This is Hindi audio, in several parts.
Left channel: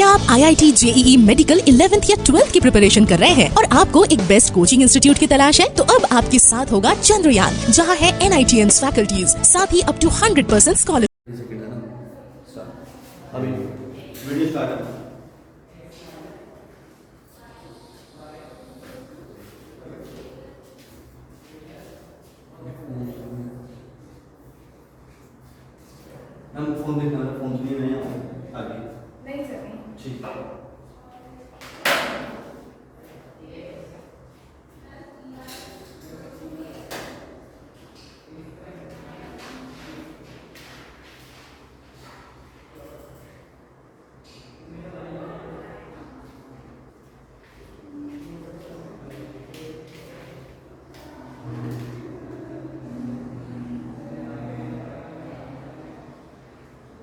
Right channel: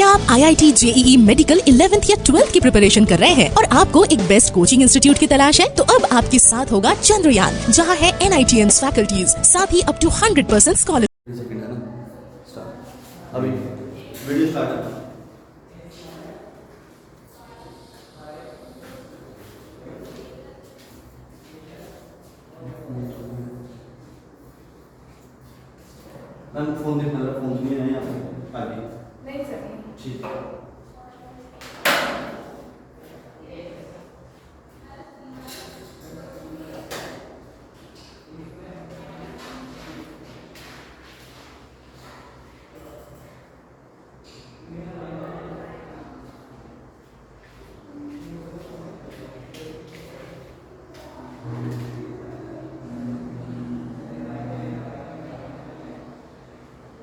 क्या आप IIT JEE मेडिकल 11th या 12th की प्रिपरेशन कर रहे हैं और आपको एक बेस्ट कोचिंग इंस्टीट्यूट की तलाश है? तो अब आपके साथ होगा चंद्रयान, जहां है NITS फैकल्टीज, साथ ही अप टू 100% स्कॉलर। अभी वीडियो स्टार्ट है। मैम फोन देखना था, फोन नहीं है यहाँ पे आगे नहीं सर नहीं। ठीक है।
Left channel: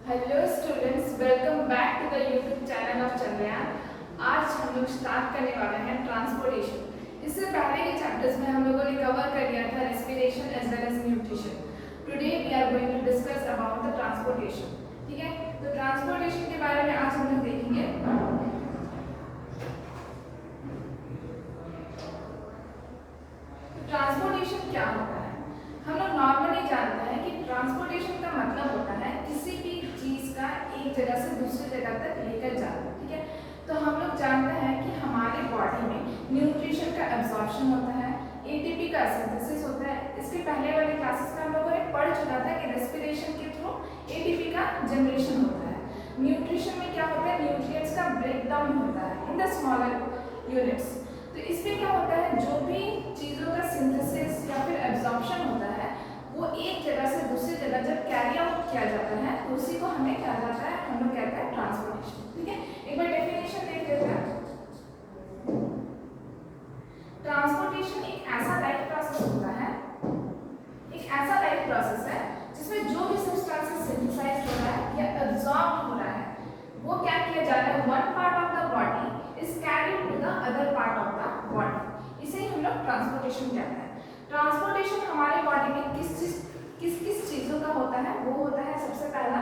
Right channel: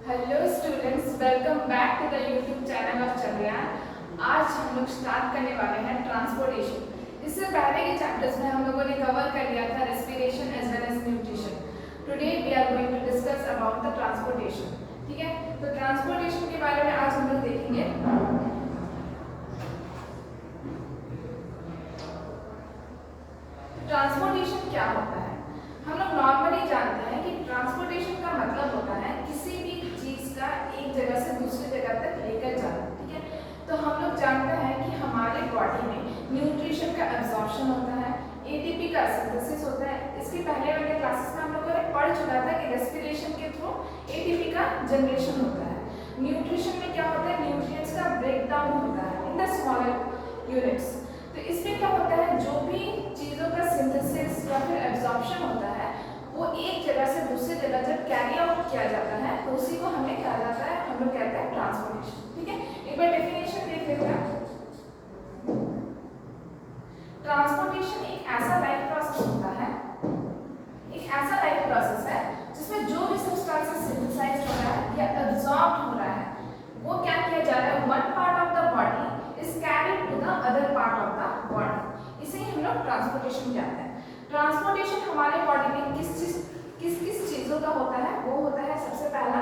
Hello students, welcome back to the YouTube channel of Chandrayaan. आज हम लोग स्टार्ट करने वाले हैं ट्रांसपोर्टेशन। इससे पहले के चैप्टर्स में हम लोगों ने कवर कर लिया था respiration as well as nutrition. Today we are going to discuss about the transportation. ठीक है, तो ट्रांसपोर्टेशन के बारे में आज हम लोग देखेंगे। ट्रांसपोर्टेशन क्या होता है? हम लोग नॉर्मली जानते हैं कि ट्रांसपोर्टेशन का मतलब होता है किसी भी चीज का एक जगह से दूसरी जगह तक लेकर जाना। ठीक है, तो हम लोग जानते हैं कि हमारे बॉडी में न्यूट्रिशन का एब्जॉर्प्शन होता है, एटीपी का सिंथेसिस होता है। इसके पहले वाले क्लासेस में हम लोगों ने पढ़ चुका था कि रेस्पिरेशन के थ्रू एटीपी का जनरेशन होता है। न्यूट्रिशन में क्या होता है? न्यूट्रिएंट्स का ब्रेकडाउन होता है इन द स्मॉलर यूनिट्स। तो इसमें क्या होता है, जो भी चीज़ों का सिंथेसिस या फिर एब्जॉर्प्शन होता है वो एक जगह से दूसरी जगह जब कैरी आउट किया जाता है तो उसी को हमें क्या जाता है, हम लोग कहते हैं ट्रांसपोर्टेशन। ठीक है, एक बार डेफिनेशन देख लेते हैं। ट्रांसपोर्टेशन एक ऐसा लाइफ प्रोसेस होता है, एक ऐसा लाइफ प्रोसेस है जिसमें जो भी सब्सटेंसेस सिंथेसाइज हो रहा है या एब्जॉर्ब हो रहा है वो क्या किया जा रहा है, one part of the body is carried to the other part of the body. इसे ही हम लोग ट्रांसपोर्टेशन कहते हैं। ट्रांसपोर्टेशन हमारे बॉडी में किस चीजों का होता है? वो होता है सबसे पहला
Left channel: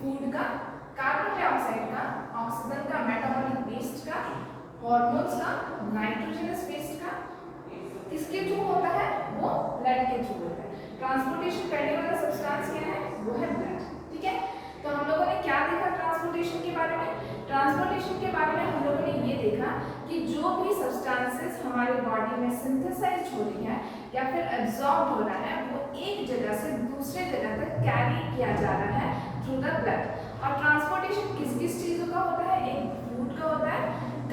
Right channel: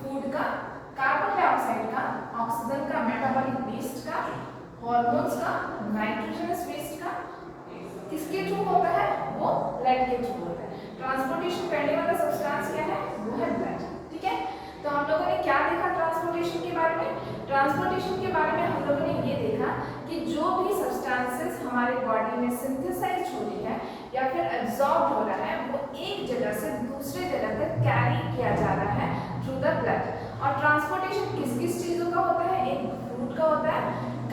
फूड का, कार्बन डाइऑक्साइड का, ऑक्सीजन का, मेटाबॉलिक वेस्ट का, हार्मोन्स का, नाइट्रोजनस वेस्ट का। किसके थ्रू होता है? वो ब्लड के थ्रू होता है। ट्रांसपोर्टेशन करने वाला सब्सटेंस क्या है? वो है ब्लड। ठीक है, तो हम लोगों ने क्या देखा ट्रांसपोर्टेशन के बारे में? ट्रांसपोर्टेशन के बारे में हम लोगों ने ये देखा कि जो भी सब्सटेंसेस हमारे बॉडी में सिंथेसाइज हो रही है या फिर एब्जॉर्ब हो रहा है वो एक जगह से दूसरे जगह तक कैरी किया जा रहा है थ्रू द ब्लड। और ट्रांसपोर्टेशन किस किस चीज़ों का होता है? एक फूड का होता है,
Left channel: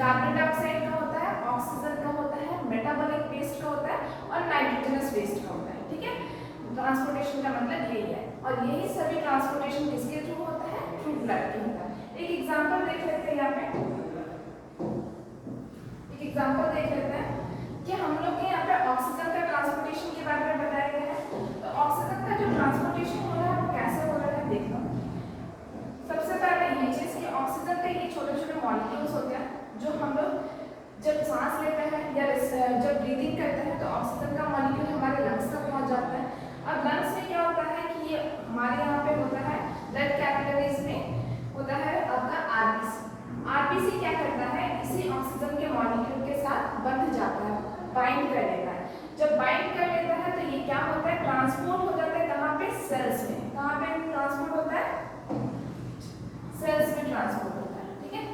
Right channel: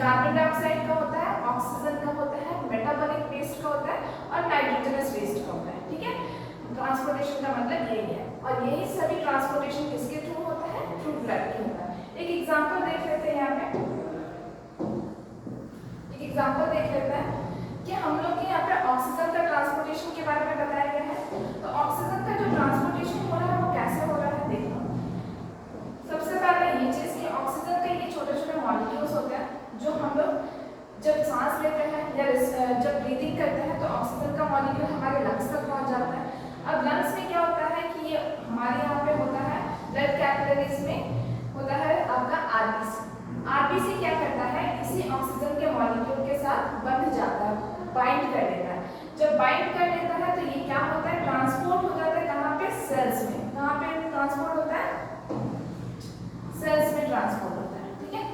कार्बन डाइऑक्साइड का होता है, ऑक्सीजन का होता है, मेटाबॉलिक वेस्ट का होता है और नाइट्रोजनस वेस्ट का होता है। ठीक है, ट्रांसपोर्टेशन का मतलब यही है। और यही सभी ट्रांसपोर्टेशन किसके थ्रू होता है? थ्रू ब्लड के होता है। एक एग्जांपल देख लेते हैं, यहाँ पे एक एग्जांपल देख लेते हैं कि हम लोग के यहाँ पे ऑक्सीजन का ट्रांसपोर्टेशन के बारे में बताया गया है। तो ऑक्सीजन का जो ट्रांसपोर्टेशन हो रहा है वो कैसे हो रहा है देखो। सबसे पहले ये चीज कि ऑक्सीजन के ये छोटे छोटे मॉलिक्यूल्स होते हैं जो हम लोग जब सांस लेते हैं या जब ब्रीदिंग करते हैं तो ऑक्सीजन का मॉलिक्यूल हमारे लंग्स तक पहुंच जाता है। अब लंग्स में क्या होता है कि ये हमारे यहाँ पे होता है ब्लड कैपिलरीज में होता है आपका आरबीसी। आरबीसी क्या करता है? इसी ऑक्सीजन के मॉलिक्यूल के साथ बंध जाता है, बाइंड कर लेता है। जब बाइंड कर लेता है तो ये क्या होता है? ट्रांसपोर्ट हो जाता है कहाँ पे? सेल्स में। कहाँ पे ट्रांसपोर्ट होता है? सेल्स में ट्रांसपोर्ट होता है। ठीक है,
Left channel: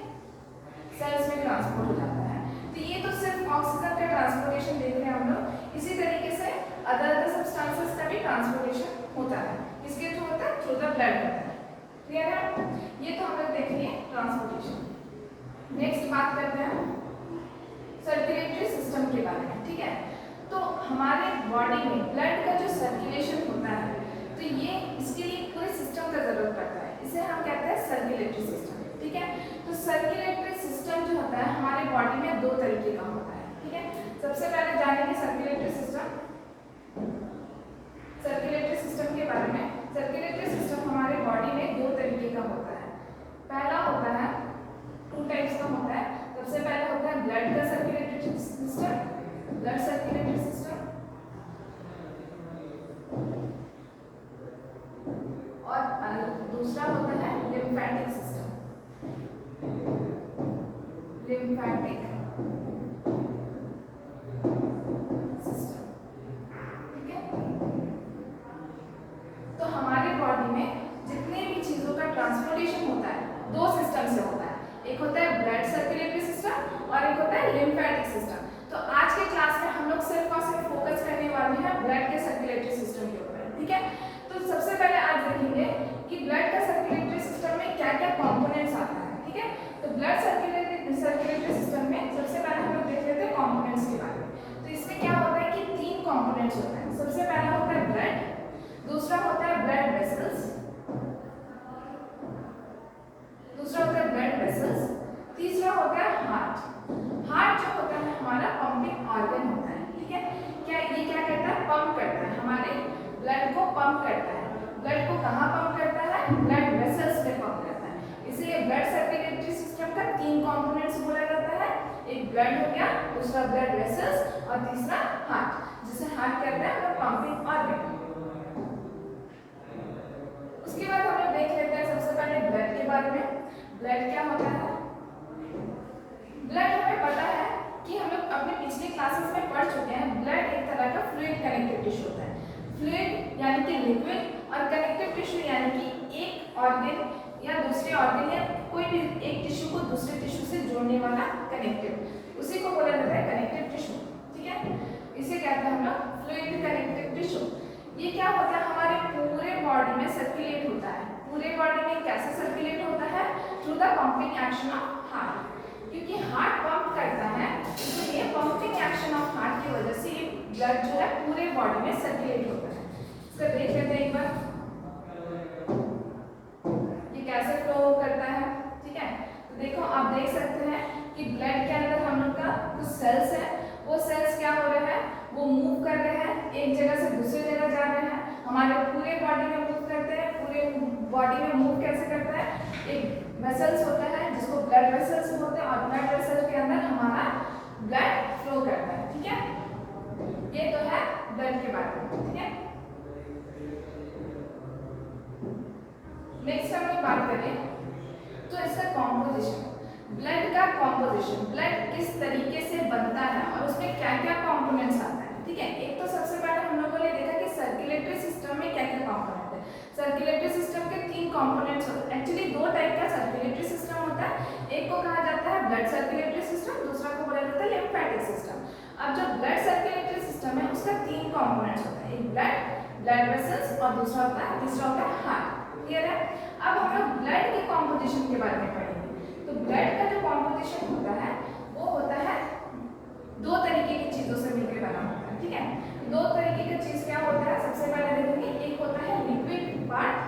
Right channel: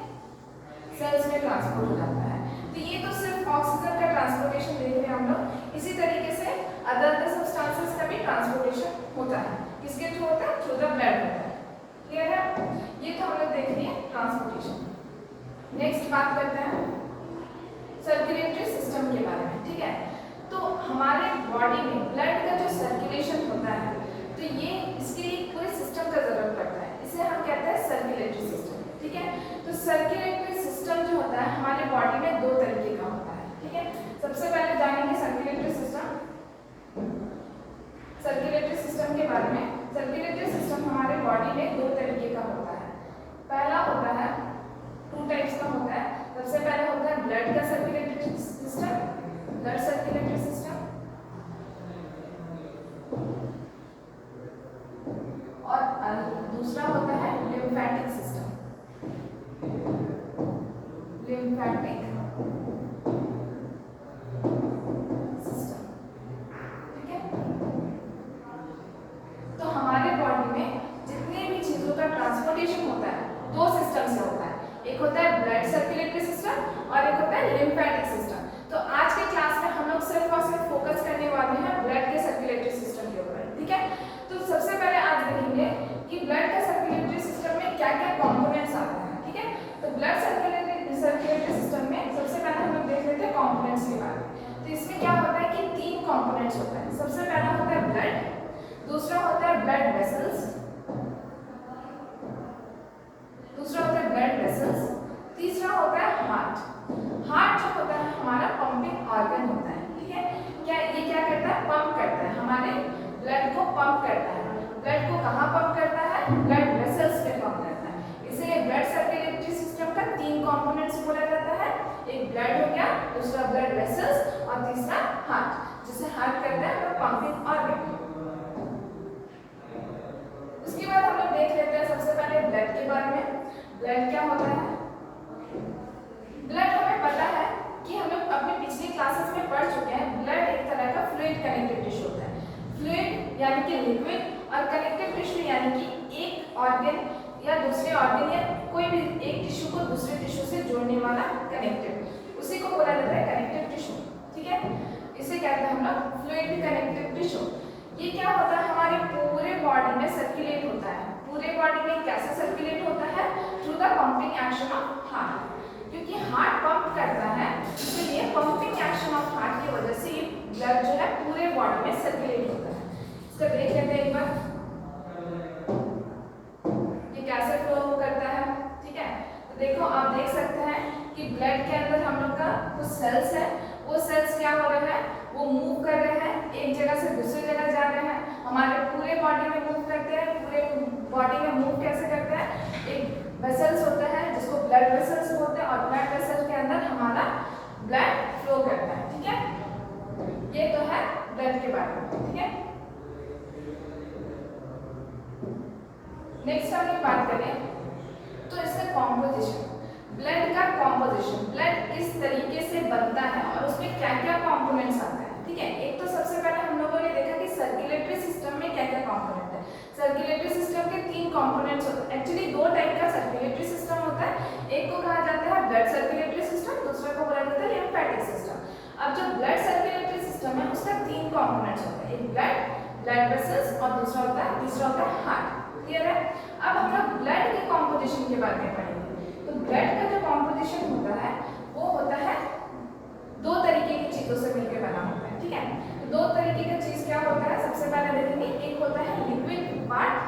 सेल्स में ट्रांसपोर्ट हो जाता है। तो ये तो सिर्फ ऑक्सीजन का ट्रांसपोर्टेशन देख रहे हैं हम लोग। इसी तरीके से अदर सब्सटेंसेस का भी ट्रांसपोर्टेशन होता है। किसके थ्रू होता है? थ्रू द ब्लड होता है। क्लियर है? ये तो हम लोग देख लिए ट्रांसपोर्टेशन। नेक्स्ट बात करते हैं सर्कुलेटरी सिस्टम के बारे में। ठीक है, तो हमारे बॉडी में ब्लड का जो सर्कुलेशन होता है तो ये इसके लिए कोई सिस्टम का जरूरत पड़ता है, इसे हम कहते हैं सर्कुलेटरी सिस्टम। ठीक है, तो सर्कुलेटरी सिस्टम जो होता है हमारे बॉडी में दो तरीके का होता है। ठीक है, सबसे पहले जानेंगे सर्कुलेटरी सिस्टम। सर्कुलेटरी सिस्टम के बारे में। सर्कुलेटरी सिस्टम हमारे बॉडी में दो तरीके का होता है। पहला होता है, टू टाइप्स का होता है। सबसे पहले होता है ब्लड का circulatory system, blood circulatory system, और दूसरा होता है लिम्फेटिक सिस्टम। Lymphatic system. ठीक है, तो हमारे बॉडी में जितने भी चीजों का ट्रांसपोर्टेशन होता है दो सिस्टम से होता है, एक होता है ब्लड सर्कुलेटरी सिस्टम और एक होता है लिम्फेटिक सिस्टम। तो आज के क्लास में हम लोग सिर्फ और सिर्फ फोकस करने वाले हैं ब्लड के सर्कुलेटरी सिस्टम के ऊपर। ठीक है, तो सबसे पहले आज देखेंगे कि ब्लड का सर्कुलेटरी सिस्टम में क्या क्या कंपोनेंट्स आते हैं। ठीक है, तो ब्लड सर्कुलेटरी सिस्टम में सबसे पहले हम लोग देख लेते हैं कंपोनेंट्स के बारे में। तो इसमें क्या होता है कि तीन कंपोनेंट्स होते हैं। सबसे पहला होता है ब्लड, दूसरा होता है ब्लड वेसल्स, तीसरा होता है हार्ट। हार्ट जो होता है हमारा पंपिंग ऑर्गन होता है। ठीक है, क्या करता है, पंप करता है, हमारे ब्लड को पंप करता है। ब्लड को कहाँ पंप करता है, ब्लड वेसल्स पे पंप करता है। इसलिए ब्लड सर्कुलेटरी सिस्टम का तीन कंपोनेंट्स बोला जाता है, एक ब्लड हो गया, दूसरा ब्लड वेसल्स और तीसरा हार्ट, जिसे हार्ट कहते हैं वो पंपिंग ऑर्गन। उसके बाद हम लोग देख लेते हैं सबसे पहले ब्लड के बारे में। ब्लड क्या होता है, ब्लड हमें पता है कि हम लोग अपने पिछले क्लासेस में पढ़ चुके हैं, ब्लड एक तरह का फ्लूइड कनेक्टिव टिश्यू होता है। फ्लूइड यानी कि लिक्विड और कनेक्टिव टिश्यू यानी कि एक ऑर्गन या दूसरे ऑर्गन या कोई भी एक टिश्यू को दूसरे टिश्यू से जोड़ने वाला कनेक्टिव, उसी को बोला जाता है कनेक्टिव टिश्यू। ठीक है, इसे कहते हैं हम लोग फ्लूइड कनेक्टिव टिश्यू। ये क्या होता है, हमारे पूरे बॉडी में सर्कुलेट होता है। पूरे बॉडी में कैसे सर्कुलेट होता है, through the pumping action of heart. क्योंकि हार्ट पंप करता है, इसलिए पंपिंग एक्शन ऑफ हार्ट की वजह से ब्लड जो है पूरे बॉडी में सर्कुलेट होता है। इसको देख लेते हैं एक बार, ये कैसे फ्लो करता है। ठीक है, तो देखो आप देख सकते हैं कि ब्लड के अंदर हम लोग का कुछ सेल्स है, वो सेल्स क्या हो रहे हैं, वो मूव कर रहे हैं, एक जगह से दूसरी जगह जा रहे हैं, हमारे पूरे बॉडी में मूव करते हैं। पूरे बॉडी में मूव कैसे करते हैं, एक वेसल्स होता है जिसको ब्लड वेसल्स बोलते हैं और ब्लड वेसल्स के अंदर हमारा ब्लड फ्लो करता है। ठीक है, ये तो है ब्लड के बारे में। ठीक है, नेक्स्ट हम लोग बात करें तो इसका कॉम्पोजिशन, ब्लड का कॉम्पोजिशन, ब्लड किस तरीके से बनता है और उसमें क्या क्या कंपोनेंट्स आता है। ठीक है, एक तो सबसे पहले हम लोगों ने देखा कि सर्कुलेटरी सिस्टम में क्या क्या कंपोनेंट है। सर्कुलेटरी सिस्टम के तीन कंपोनेंट्स होते हैं। एक्चुअली दो टाइप का सर्कुलेटरी सिस्टम होता है, एक को कहा जाता है ब्लड सर्कुलेटरी सिस्टम, दूसरा को बोला जाता है लिम्फेटिक सिस्टम। अब जो ब्लड सर्कुलेटरी सिस्टम है उसका तीन कंपोनेंट्स होते हैं, एक ब्लड वेसल्स और दूसरा होता है, तीसरा होता है हार्ट। क्लियर है, अब हम लोग ब्लड के कॉम्पोजिशन के बारे में पढ़ेंगे। तो ब्लड का जो कॉम्पोजिशन होता है वो होता है दो तरीके की चीजों से मिलकर बना होता है। ठीक है, दो तरीके का चीज क्या होता है, सबसे पहले देखेंगे, एक होता है लिक्विड पार्ट,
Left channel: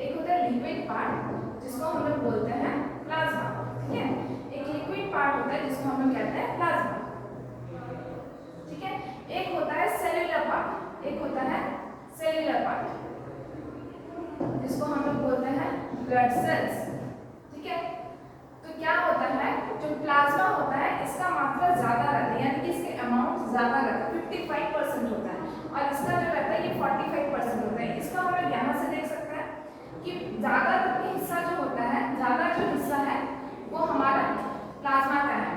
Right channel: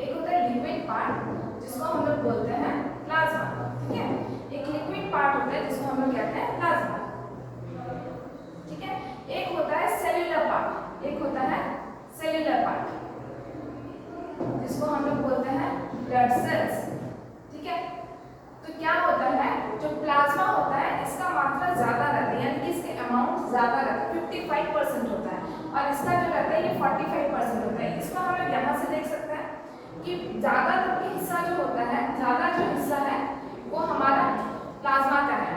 एक होता है लिक्विड पार्ट जिसको हम लोग बोलते हैं प्लाज्मा। ठीक है, एक लिक्विड पार्ट होता है जिसको हम लोग कहते हैं प्लाज्मा। ठीक है, एक होता है सेल्यूलर पार्ट, एक होता है सेल्यूलर पार्ट जिसको हम लोग बोलते हैं ब्लड सेल्स। ठीक है, तो क्या होता है, जो प्लाज्मा होता है इसका मात्रा ज्यादा रहता है, यानी कि इसके अमाउंट ज्यादा रहता है, 55% होता है, और इसका जो रहता है ये 45% होता है। इसको हम लोग यहाँ से देख सकते हैं कि ज्यादा हिस्सा जो होता है, ज्यादा जो हिस्सा है वो हमारा प्लाज्मा का है,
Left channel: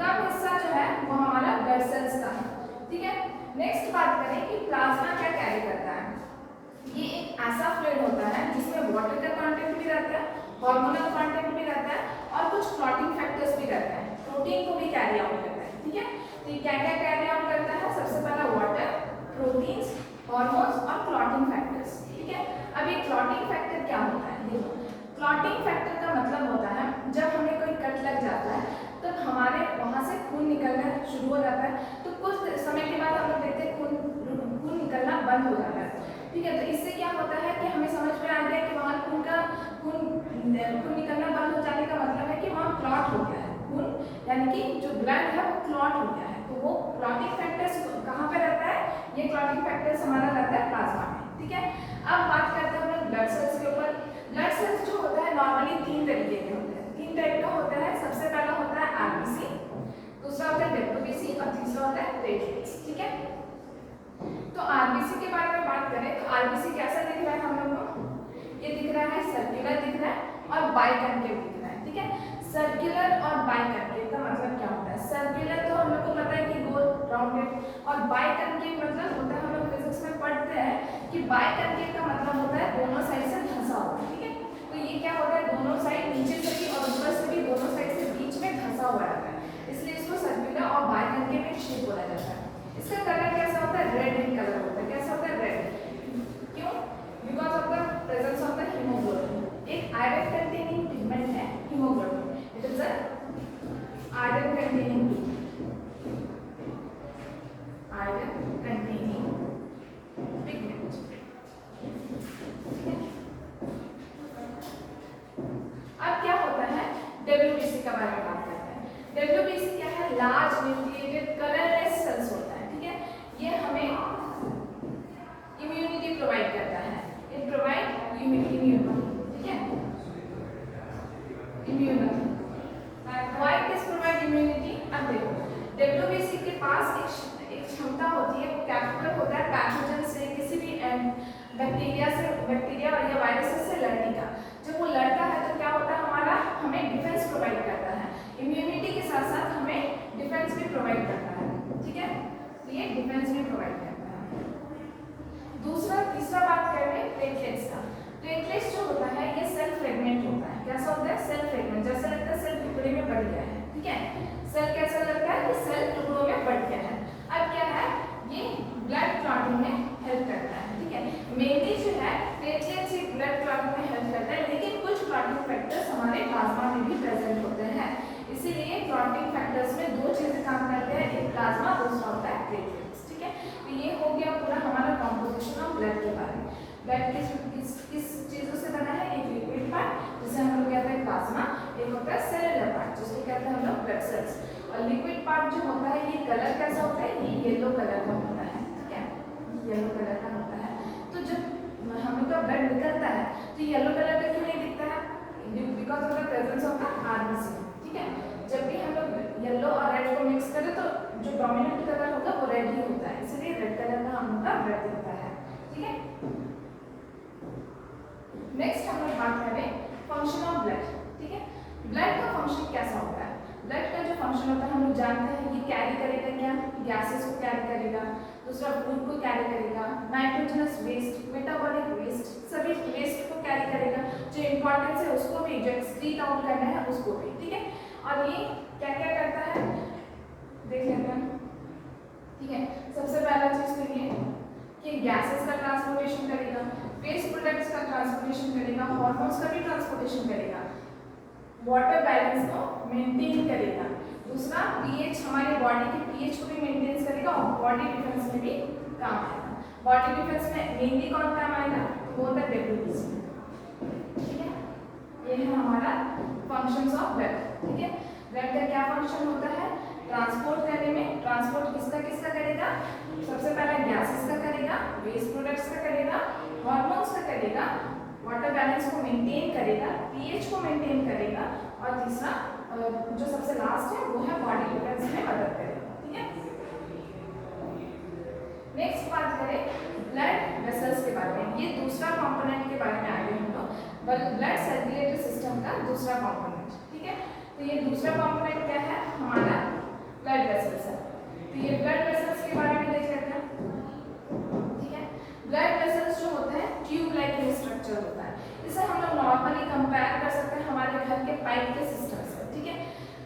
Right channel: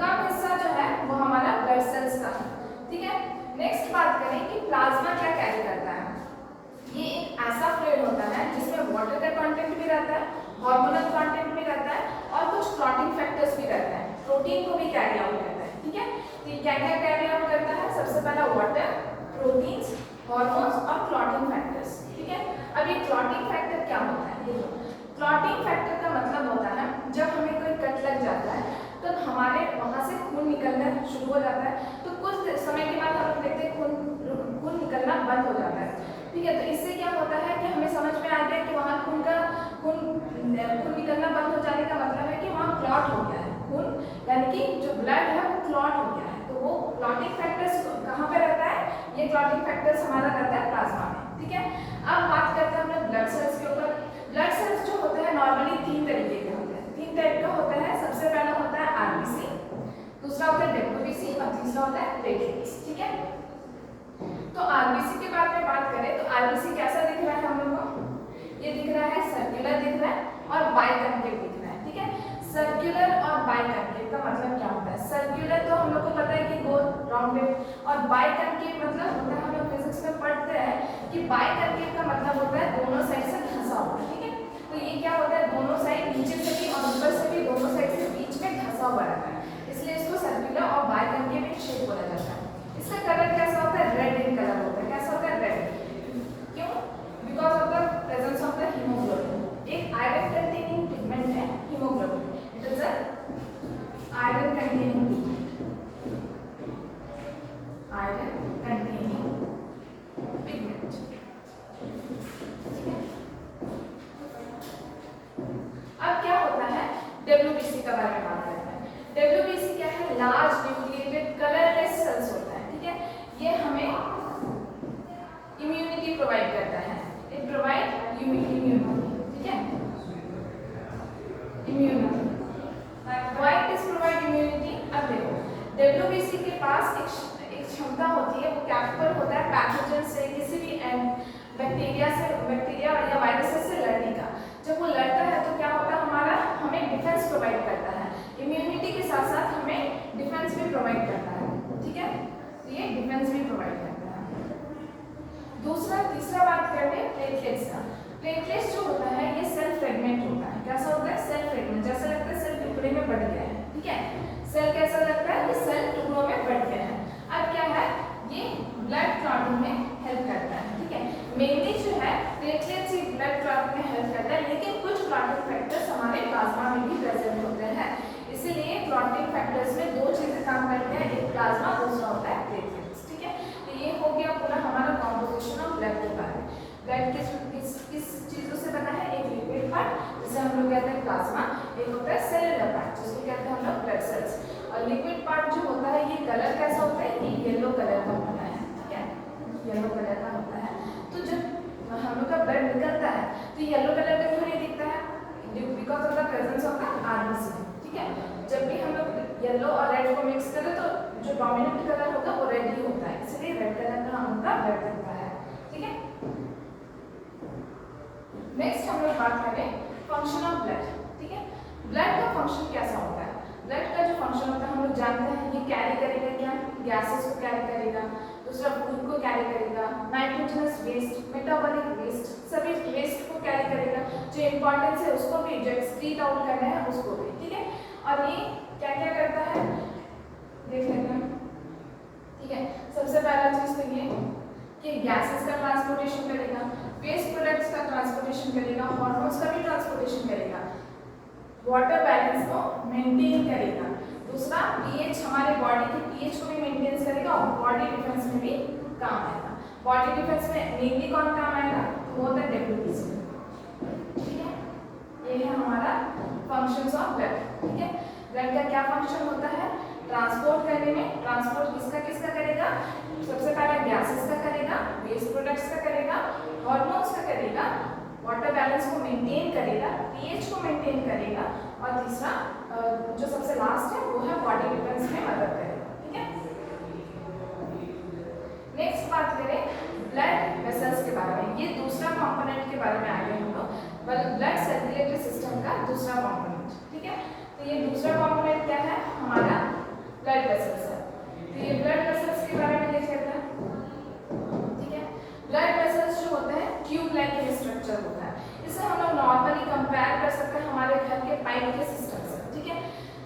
कम हिस्सा जो है वो हमारा ब्लड सेल्स का है। ठीक है, नेक्स्ट बात करें कि प्लाज्मा क्या कैरी करता है। ये एक ऐसा फ्लूइड होता है जिसमें वाटर का कंटेंट भी रहता है, हार्मोनल कंटेंट भी रहता है और कुछ क्लॉटिंग फैक्टर्स भी रहता है, प्रोटीन को भी कैरी आउट करता है। ठीक है, तो ये क्या क्या कैरी आउट करता है, सबसे पहला वाटर, प्रोटीन्स, हार्मोन्स और क्लॉटिंग फैक्टर्स। ठीक है, अब ये क्लॉटिंग फैक्टर क्या होता है, देखो क्लॉटिंग फैक्टर का मतलब होता है जब हमें कोई कट लग जाता है तो हमारे वहाँ से खून निकलना शुरू हो जाता है, तो कुछ समय के बाद हम लोग देखते हैं खून निकलना बंद हो जाता है। ठीक है, तो इससे क्या होता है कि हमें समझ में आ गया कि वहाँ खून निकलना बंद हो जाने का मतलब है कि वहाँ क्लॉट हो गया है खून, यानी कि जो ब्लड है वो क्लॉट हो गया है। तो वो क्लॉटिंग फैक्टर्स कहाँ पे रहता है, ये क्लॉटिंग फैक्टर्स हमारा रहता है प्लाज्मा में। ठीक है, अब बात करते हैं हम लोग ब्लड सेल्स के ऊपर। ब्लड सेल्स जो होता है नॉर्मली तीन तरीके के होते हैं, तीन टाइप का होता है। सबसे पहला होता है आरबीसी, दूसरा होता है डब्ल्यूबीसी और तीसरा होता है प्लेटलेट्स। ठीक है, तो आरबीसी के बारे में बात करें तो आरबीसी कैसा दिख रहा है हम लोग को, ये दिख रहा है सर्कुलर दिख रहा है और बाइकॉन्केव दिख रहा है। ठीक है, सर्कुलर और बाइकनकेव का मतलब क्या होता है? सर्कुलर तो हम लोग को पता है कि गोल राउंडेड, और बाइकनकेव मतलब होता है, हम लोग फिजिक्स में पढ़ते हैं कि बाइकनकेव का मतलब होता है दोनों साइड से धंसा हुआ, ठीक है। तो ये क्या होता है, दोनों साइड नीचे से भी और ऊपर से भी दोनों साइड से बीच में धंसा हुआ रहता है, इसलिए इसको सर्कुलर और बाइकनकेव एक शेप बोला जाता है। इसका कलर कैसा होता है? रेड इन कलर होता है। कैसा होता है? रेड। क्यों? Because of the presence of the haemoglobin. एक आयरन कंटेनिंग पिगमेंट है haemoglobin, it is a iron containing pigment. अब क्या होता है, डब्ल्यूबीसी का बारे में बात करते हैं। डब्ल्यूबीसी क्या है? लार्ज न्यूक्लिएटेड कलरलेस सेल्स होता है, ठीक है। ये हमें इम्यूनिटी प्रोवाइड करता है, इट प्रोवाइड इम्यूनिटी, ठीक है, immunity. Why it is provide immunity? अब देखो, डब्ल्यूबीसी के पास एक क्षमता होती है, वो कैपेबल होता है पैथोजन से, किसी भी बैक्टीरिया या वायरसेस से लड़ने का। जब वो लड़ता है तो क्या होता है, हमारा हमें डिफेंस प्रोवाइड करता है, इम्यूनिटी के साथ साथ हमें डिफेंस भी प्रोवाइड करता है, ठीक है। तो ये डिफेंस भी प्रोवाइड करता है। तीसरा बात कर रहे हैं प्लेटलेट्स का। प्लेटलेट्स जो होता है ये सेल फ्रेगमेंट होता है। कैसा होता है? Cell fragment. जैसा लगता है सेल टुकड़े में बढ़ गया है, ठीक है। सेल कैसा लगता है कि सेल टुकड़ों में बढ़ गया है। अब क्या है, ये ब्लड क्लॉटिंग में हेल्प करता है, ठीक है। मेनली जो है प्लेटलेट्स ही ब्लड क्लॉटिंग में हेल्प करता है, लेकिन कुछ क्लॉटिंग फैक्टर्स हमारे प्लाज्मा में भी प्रेजेंट होते हैं, इसीलिए क्लॉटिंग फैक्टर्स में दो चीजें काम करते हैं, एक प्लाज्मा, दूसरा होता है प्लेटलेट्स, ठीक है। तो ये हो गया पूरा हमारा कॉम्पोजिशन ऑफ ब्लड के बारे में। ब्लड किस चीजों से बना है? एक लिक्विड पार्ट जिसे हम लोग कहते हैं प्लाज्मा, एक होता है सेलुलर पार्ट जिसको कहते हैं हम लोग ब्लड सेल्स। और लिक्विड पार्ट जो होता है ये कलर कैसा होता है? ये येलो कलर का होता है, ठीक है, येलो कलर का होता है। तो जब हम लोग का ब्लड निकलता है तो येलो कलर का क्यों नहीं दिखता है? Because of the presence of the RBC, ठीक है। जब भी हम लोग येलो और रेड को मिक्स करें तो जो डोमिनेंट कलर होगा वो रेड ही होता है, इसलिए रेड कलर का हम लोग का ब्लड दिखता है, ठीक है। नेक्स्ट हम लोग बात करें फंक्शन ऑफ ब्लड, ठीक है। ब्लड का फंक्शन कैसा होता है? ब्लड का जो फंक्शन होता है हम लोग जानते हैं, ये कैरी करेगा क्या? गैसेस को कैरी करेगा, दूसरा फूड को कैरी करेगा, नाइट्रोजनस वेस्ट, मेटाबॉलिक वेस्ट, सभी वेस्ट को कैरी करेगा, जो इंपॉर्टेंस है उसको भी, जो एक्सक्रीट आउट करना है उसको भी, ठीक है। और ये क्या क्या करता है देख लेते हैं, ठीक है। सबसे पहला चीज तो ये कि गैसेस का ट्रांसपोर्टेशन करेगा, वेस्ट प्रोडक्ट्स का ट्रांसपोर्टेशन करेगा, हार्मोन्स का भी ट्रांसपोर्टेशन करेगा, वाटर बैलेंस को मेंटेन करेगा, दूसरा पीएच, हमारे बॉडी के पीएच को भी मेंटेन करेगा, और बॉडी डिफेंस में भी काम आएगा। बॉडी डिफेंस में मेनली कौन काम आएगा? वो होता है डब्ल्यूबीसी, ठीक है। ये है हमारा फंक्शंस ऑफ ब्लड, ठीक है। ब्लड का क्या फंक्शन होता है? ट्रांसपोर्ट करने में, ट्रांसपोर्ट किसका करेगा? सबसे पहले गैसेस का करेगा, वेस्ट प्रोडक्ट्स का करेगा, हार्मोन्स का करेगा, वाटर बैलेंस को मेंटेन करेगा, पीएच को मेंटेन करेगा, और तीसरा जो सबसे लास्ट है वो है बॉडी डिफेंस में मदद करेगा, ठीक है। नेक्स्ट बात करें ब्लड वेसल्स के बारे में। ये दूसरा कंपोनेंट के बारे में आगे हम लोग, ब्लड सर्कुलेटरी सिस्टम का दूसरा कंपोनेंट, ठीक है। तो ये दूसरा कंपोनेंट क्या है? हमारा ब्लड वेसल्स है। तो ये ब्लड वेसल्स के बारे में देख लेते हैं, ठीक है। ब्लड वेसल्स जो होते हैं ट्यूब लाइक ये स्ट्रक्चर होता है, इसे हम लोग नॉर्मली कंपेयर कर सकते हैं हमारे घर के पाइप के सिस्टम से, ठीक है।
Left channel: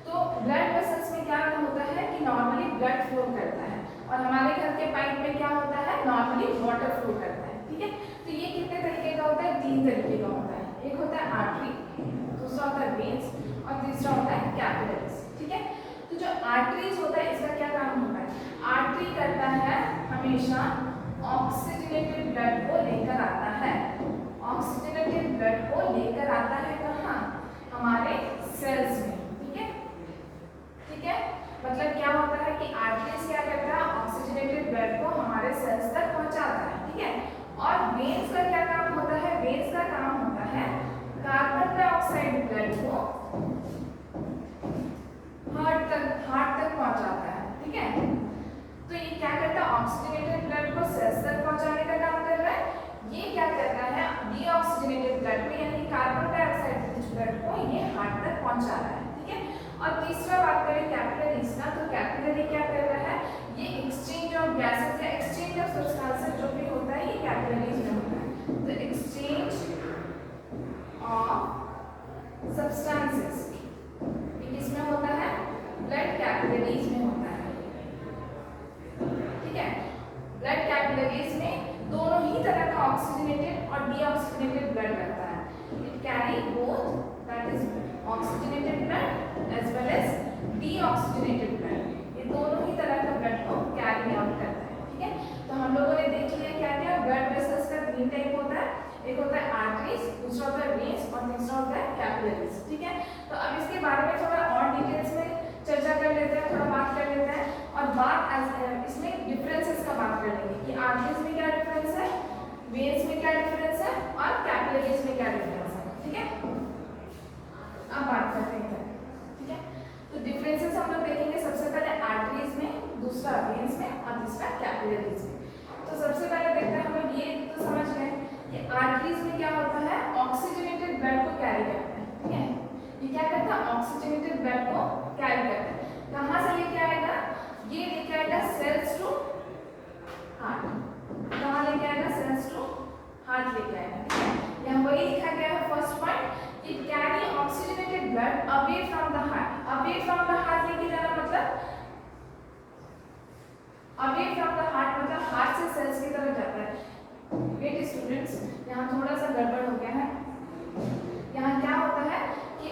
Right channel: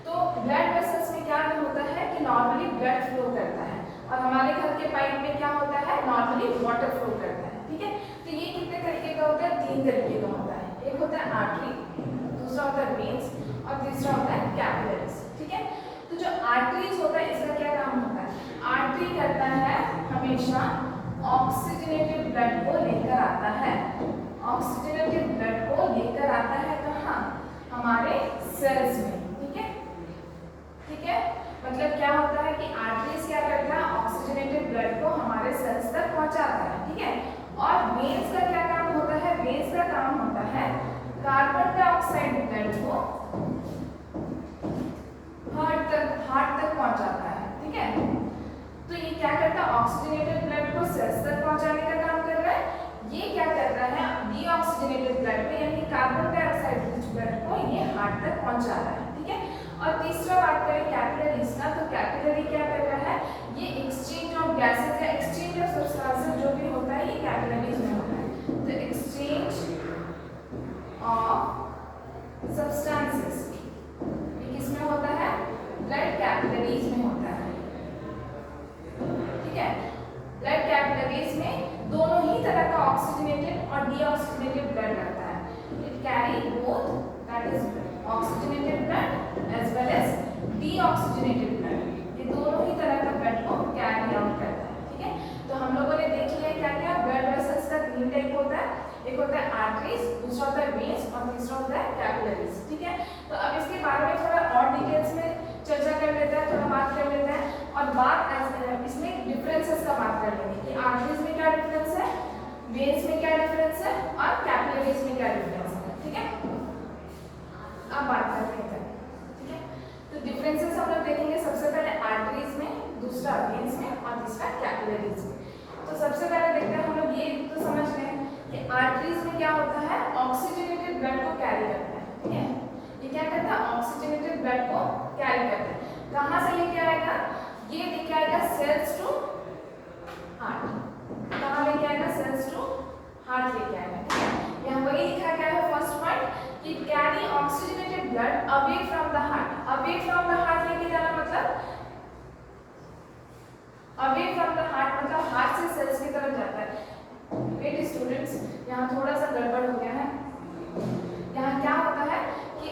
तो ब्लड वेसल्स में क्या होता है कि नॉर्मली ब्लड फ्लो करता है, और हमारे घर के पाइप में क्या होता है? नॉर्मली वाटर फ्लो करता है, ठीक है। तो ये कितने तरीके का होता है? 3 तरीके का होता है। एक होता है आर्टरी, दूसरा होता है वेन्स, और तीसरा होता है कैपिलरीज, ठीक है। तो जो आर्टरीज होता है इसका क्या काम होता है? आर्टरी करता है हमेशा ऑक्सीजनेटेड ब्लड को लेकर आता है, ऑक्सीजनेटेड ब्लड को लेकर आता है कहाँ? हमारे सेल्स में, ठीक है, ठीक है। मतलब क्या होता है कि आर्टरीज क्या करता है? ऑक्सीजनेटेड ब्लड को हमारे सेल्स तक पहुंचाता है, ठीक है। और वेन्स का क्या काम होता है? वेन्स का काम होता है कार्बन डाइऑक्साइड ब्लड को हार्ट तक पहुंचाता है, ठीक है। तो ये क्या करता है? ऑक्सीजनेटेड ब्लड को सेल्स तक पहुंचाने का काम कर रहा है। ये क्या कर रहा है? डीऑक्सीजनेटेड ब्लड को, यानी कार्बन डाइऑक्साइड ब्लड को ये हार्ट तक पहुंचा रहा है, ठीक है। और तीसरा carry both, that is oxygenated blood as well as deoxygenated blood. ये दोनों ही तरह का ब्लड को कैरी आउट करता है, ठीक है। तो हम लोगों ने देख लिया क्या क्या ब्लड वेसल्स का 3 टाइप होता है, एक होता है आर्टरीज, दूसरा होता है वेन्स और तीसरा होता है कैपिलरीज, ठीक है। तो अब इसके बारे में थोड़ा और डिटेल्स में चर्चा कर लेते हैं, थोड़ा बात कर लेते हैं और इसमें डिफरेंसेस का बात कर लेंगे कि आर्टरीज में क्या डिफरेंस है, वेन्स में क्या डिफरेंस है और कैपिलरीज में क्या डिफरेंस है, ठीक है। अब बात करते हैं, ठीक है। तो डिफरेंसेस हम लोग देखेंगे सबसे पहले आर्टरीज में, दूसरा वेन्स में और तीसरा कैपिलरीज में। तो सबसे पहले देखते हैं हम लोग ये तो समझ गए कि आर्टरीज में क्या होता है, ऑक्सीजनेटेड ब्लड को कैरी करता है, ठीक है। ये क्या करता है, ऑक्सीजनेटेड ब्लड को कैरी करता है। कहाँ से लेके आएगा, ये लेके आएगा सेल्स टू हार्ट, कहाँ लेके आएगा, सेल्स टू हार्ट लेके आएगा, ठीक है। यहाँ वही लिखा गया है first point, it carry oxygenated blood away from the heart. Away from the heart लेके जाना मतलब, अवे फ्रॉम द हार्ट मतलब हार्ट से सेल्स की तरफ जाता है। वेट स्टूडेंट्स, यहाँ थोड़ा सा गड़बड़ हो गया है। यहाँ क्या होता है कि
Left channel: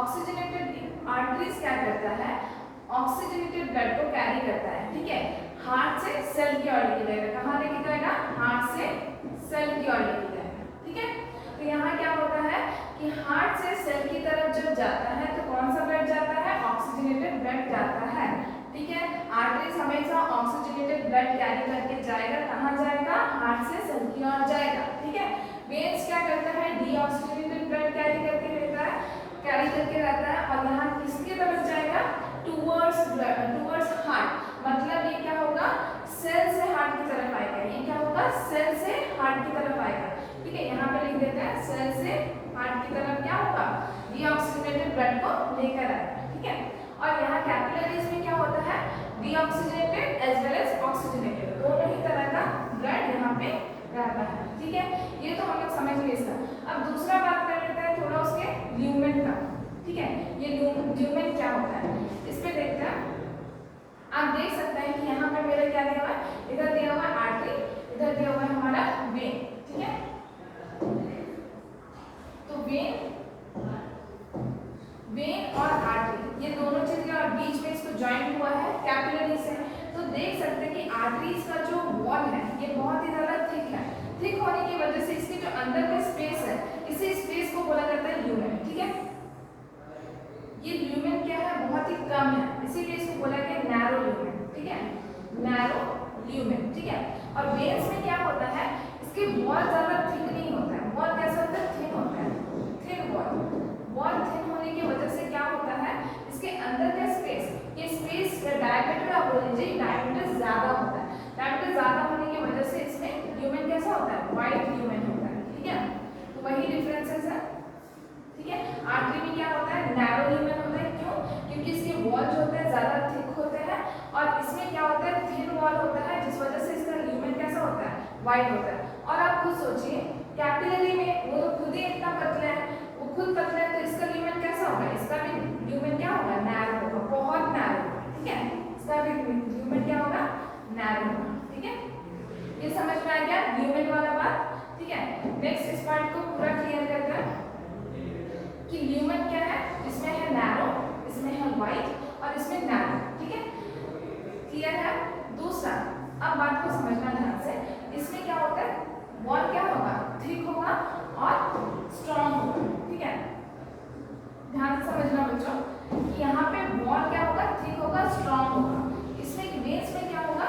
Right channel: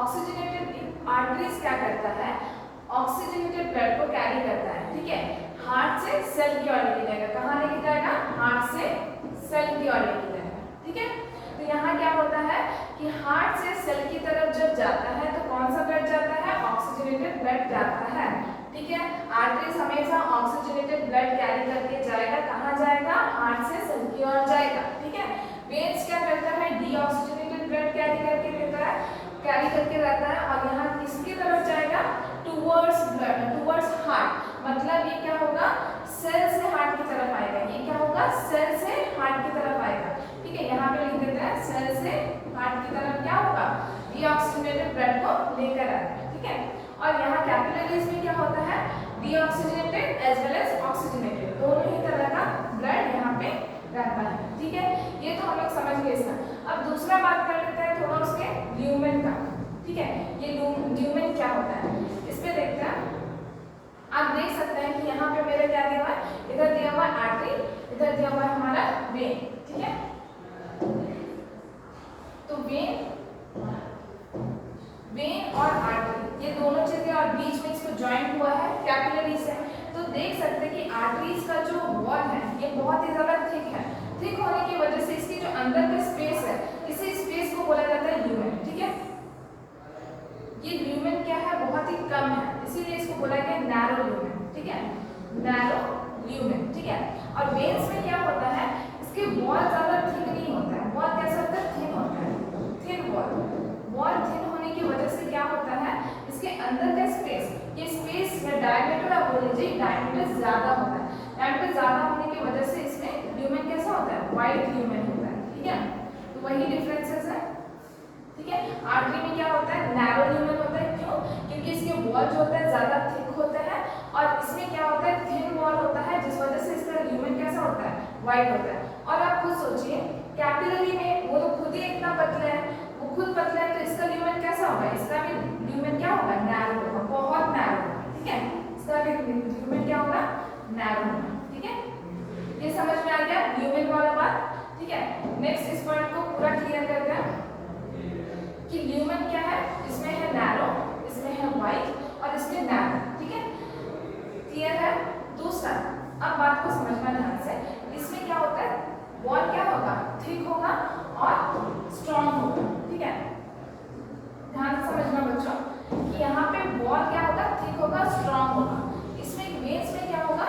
ऑक्सीजनेटेड आर्टरीज क्या करता है, ऑक्सीजनेटेड ब्लड को कैरी करता है, ठीक है। हार्ट से सेल की ओर लेके जाएगा, कहाँ लेके जाएगा, हार्ट से सेल की ओर लेके जाएगा, ठीक है। तो यहाँ क्या होता है कि हार्ट से सेल की तरफ जब जाता है तो कौन सा ब्लड जाता है, ऑक्सीजनेटेड ब्लड जाता है, ठीक है। आर्टरीज हमेशा ऑक्सीजनेटेड ब्लड कैरी करके जाएगा, कहाँ जाएगा, हार्ट से सेल की ओर जाएगा, ठीक है। वेन्स क्या करता है, डीऑक्सीजनेटेड ब्लड कैरी करके रहता है और यहाँ किसकी तरफ जाएगा, टुवर्ड्स ब्लड, टुवर्ड्स हार्ट, मतलब ये क्या होगा, सेल से हार्ट की तरफ आएगा। ये क्या होगा, सेल से हार्ट की तरफ आएगा, ठीक है। यहाँ पे लिख देते हैं सेल से हार्ट की तरफ क्या होगा, डीऑक्सीजनेटेड ब्लड को लेकर आएगा, ठीक है। और यहाँ कैपिलरीज में क्या होता है, deoxygenated as well as oxygenated, दोनों ही तरह का ब्लड यहाँ पे रहता है, ठीक है। ये तो हम लोग समझ गए इसका। अब दूसरा बात कर लेते हैं थोड़ा उसके ल्यूमेन का, ठीक है। ये ल्यूमेन क्या होता है, इस पे देखते हैं। आप देख सकते हैं कि यहाँ पे मेरे क्या दिया हुआ है, इधर दिया हुआ है आर्टरी, इधर दिया हुआ है हमारा वेन, ठीक है। तो वेन और आर्टरी ये दोनों चीजें और बीच में इसको ज्वाइंट हुआ है कैपिलरी से। तो देख सकते हैं कि आर्टरीज का जो वॉल है ये बहुत ही ज्यादा थिक है। थिक होने की वजह से इसकी जो अंदर का स्पेस है, इसी स्पेस को बोला जाता है ल्यूमेन, ठीक है। ये ल्यूमेन क्या है, बहुत ही कम है, इसीलिए इसको बोला गया नैरो ल्यूमेन, ठीक है, नैरो ल्यूमेन, ठीक है। और वेन्स में क्या होता है, इसके वॉल ज्यादा थिक नहीं होता है, वॉल कैसा होता है, थिन होता है, थिन वॉल। वॉल थिन होने की वजह से क्या होता है, इसके अंदर का स्पेस, ये स्पेस का डायमीटर आप बोल लीजिए, डायमीटर ज्यादा होता है। डायमीटर ज्यादा होने की वजह से इसमें ल्यूमेन कैसा होता है, वाइड ल्यूमेन होता है, ठीक है। तो वही डिफरेंसेस है, ठीक है। आर्टरी में क्या होता है, नैरो ल्यूमेन होता है, क्यों, क्योंकि इसके वॉल जो होते हैं ज्यादा थिक होते हैं और इसमें क्या होता है, थिन वॉल होता है, जिस वजह से इसका ल्यूमेन कैसा होता है, वाइड होता है। और आप खुद सोचिए, कैपिलरी में वो तो खुद ही इतना पतला है, वो खुद पतला है, तो इसका ल्यूमेन कैसा होगा, इसका भी ल्यूमेन क्या होगा, नैरो होगा, बहुत नैरो होगा, ठीक है। इसका भी ल्यूमेन क्या होगा, नैरो होगा, ठीक है। ये समझ में आ गया ल्यूमेन वाला बात, ठीक है। नेक्स्ट इस पॉइंट को पूरा क्लियर करते हैं कि ल्यूमेन क्या है, इसमें है नैरो, इसमें है वाइड और इसमें नैरो, ठीक है, क्लियर है। दूसरा, अब बात को समझना ध्यान से, इसमें क्या होता है, वॉल क्या होगा, थिक होगा और स्ट्रॉन्ग होगा, ठीक है। ध्यान से समझना बच्चों कि यहाँ पे वॉल क्या होगा, थिक होगा, स्ट्रॉन्ग होगा। इसमें वेन्स में क्या होगा,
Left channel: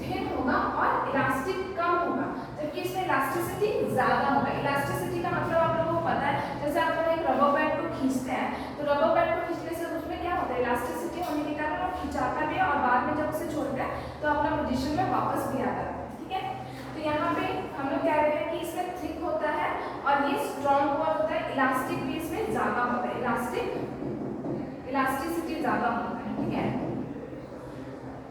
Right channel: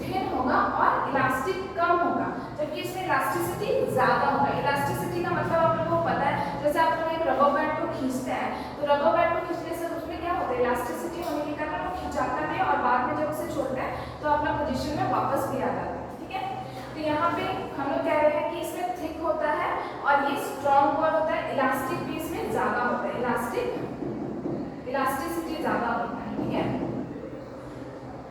थिन होगा और इलास्टिक कम होगा, जबकि इसमें इलास्टिसिटी ज्यादा होगा। इलास्टिसिटी का मतलब आप लोगों को पता है, जैसे आप लोग एक रबर बैंड को खींचते हैं तो रबर बैंड को खींचने से उसमें क्या होता है, इलास्टिसिटी होने के कारण वो खिंचाता भी है और बाद में जब उसे छोड़ते हैं तो अपना पोजीशन में वापस भी आ जाता है, ठीक है। तो यहाँ पे हम लोग कह रहे हैं कि इसमें थिक होता है और ये स्ट्रॉन्ग वॉल होता है, इलास्टिक भी इसमें ज्यादा होता है, इलास्टिसिटी ज्यादा होता है, ठीक है,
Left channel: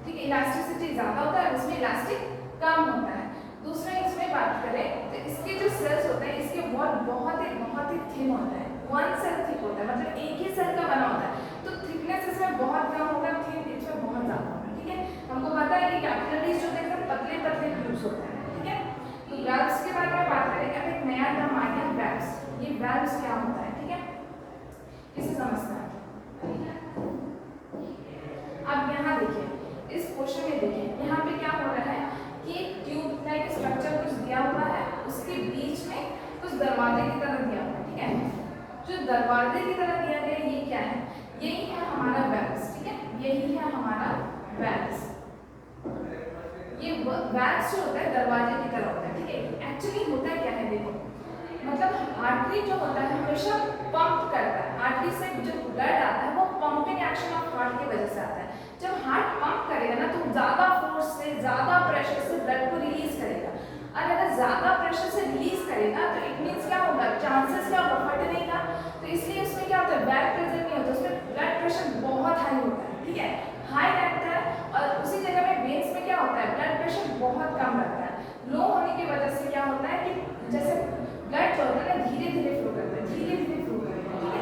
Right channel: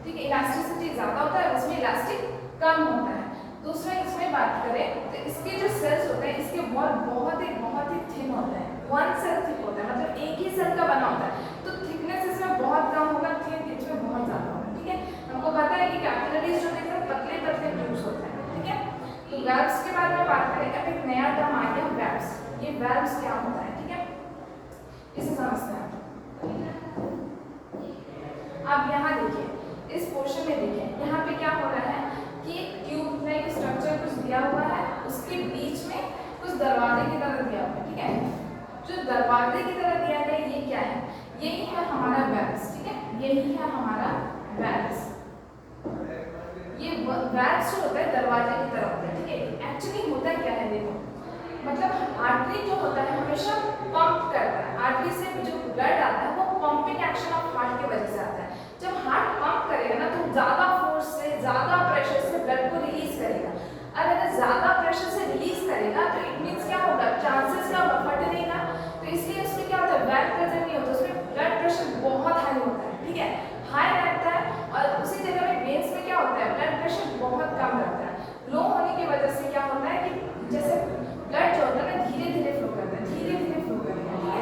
ठीक है। इलास्टिसिटी ज्यादा होता है, उसमें इलास्टिक कम होता है। दूसरा इसमें बात करें तो इसके जो सेल्स होते हैं, इसके वॉल बहुत ही थिन होता है, वन सेल थिक होता है, मतलब एक ही सेल का बना होता है, तो थिकनेस इसमें बहुत कम होगा, थिन इसमें बहुत ज्यादा होगा, ठीक है। हमको पता है कि कैपिलरीज जो एकदम पतले पतले ट्यूब्स होते हैं, ठीक है। तो वेल्व्स के बारे में बात करेंगे। अब एक नया टर्म आ गया, वेल्व्स। ये वेल्व्स क्या होता है, समझते हैं। अब यहाँ देखिए, इस पोर्शन में देखिए, यहाँ पे क्या हो रहा है कि ट्यूब लाइक स्ट्रक्चर कुछ दिया हुआ है, उसके बीच में कुछ दरवाजे की तरह दिया हुआ है, ठीक है। जो दरवाजे की तरह दिया गया ये क्या है, यही है हमारा वेल्स, ठीक है, यही है हमारा वेल्स। ये वेल्स जो होता है दरवाजे की तरह होता है, ठीक है। एक्चुअली होता क्या है देखो, मतलब आर्टरी जो होता है हमेशा पंप करता है, आर्टरी से जो ब्लड आता है वो पंपिंग एक्शन ऑफ हार्ट की वजह से आता है। जब हार्ट पंप करेगा ना तो ज़्यादा फोर्स से, ज़्यादा प्रेशर से ब्लड को रिलीज करेगा, और अगर ज़्यादा प्रेशर से रिलीज करेगा तो इट मीन्स क्या होगा, चांसेस क्या होगा, फटने का। तो इसलिए उसमें क्या होता है, बैक प्रेशर नहीं होता, उसमें ब्लड प्रेशर बहुत हाई होता है, ठीक है, हाई रहता है। और उसी जगह में वेन्स में क्या होता है, ब्लड प्रेशर बहुत कम रहता है। लो होने की वजह से क्या होता है कि जैसे ब्लड जो होता है ना धीरे धीरे फ्लो करता है, धीरे धीरे फ्लो करता है, ठीक है।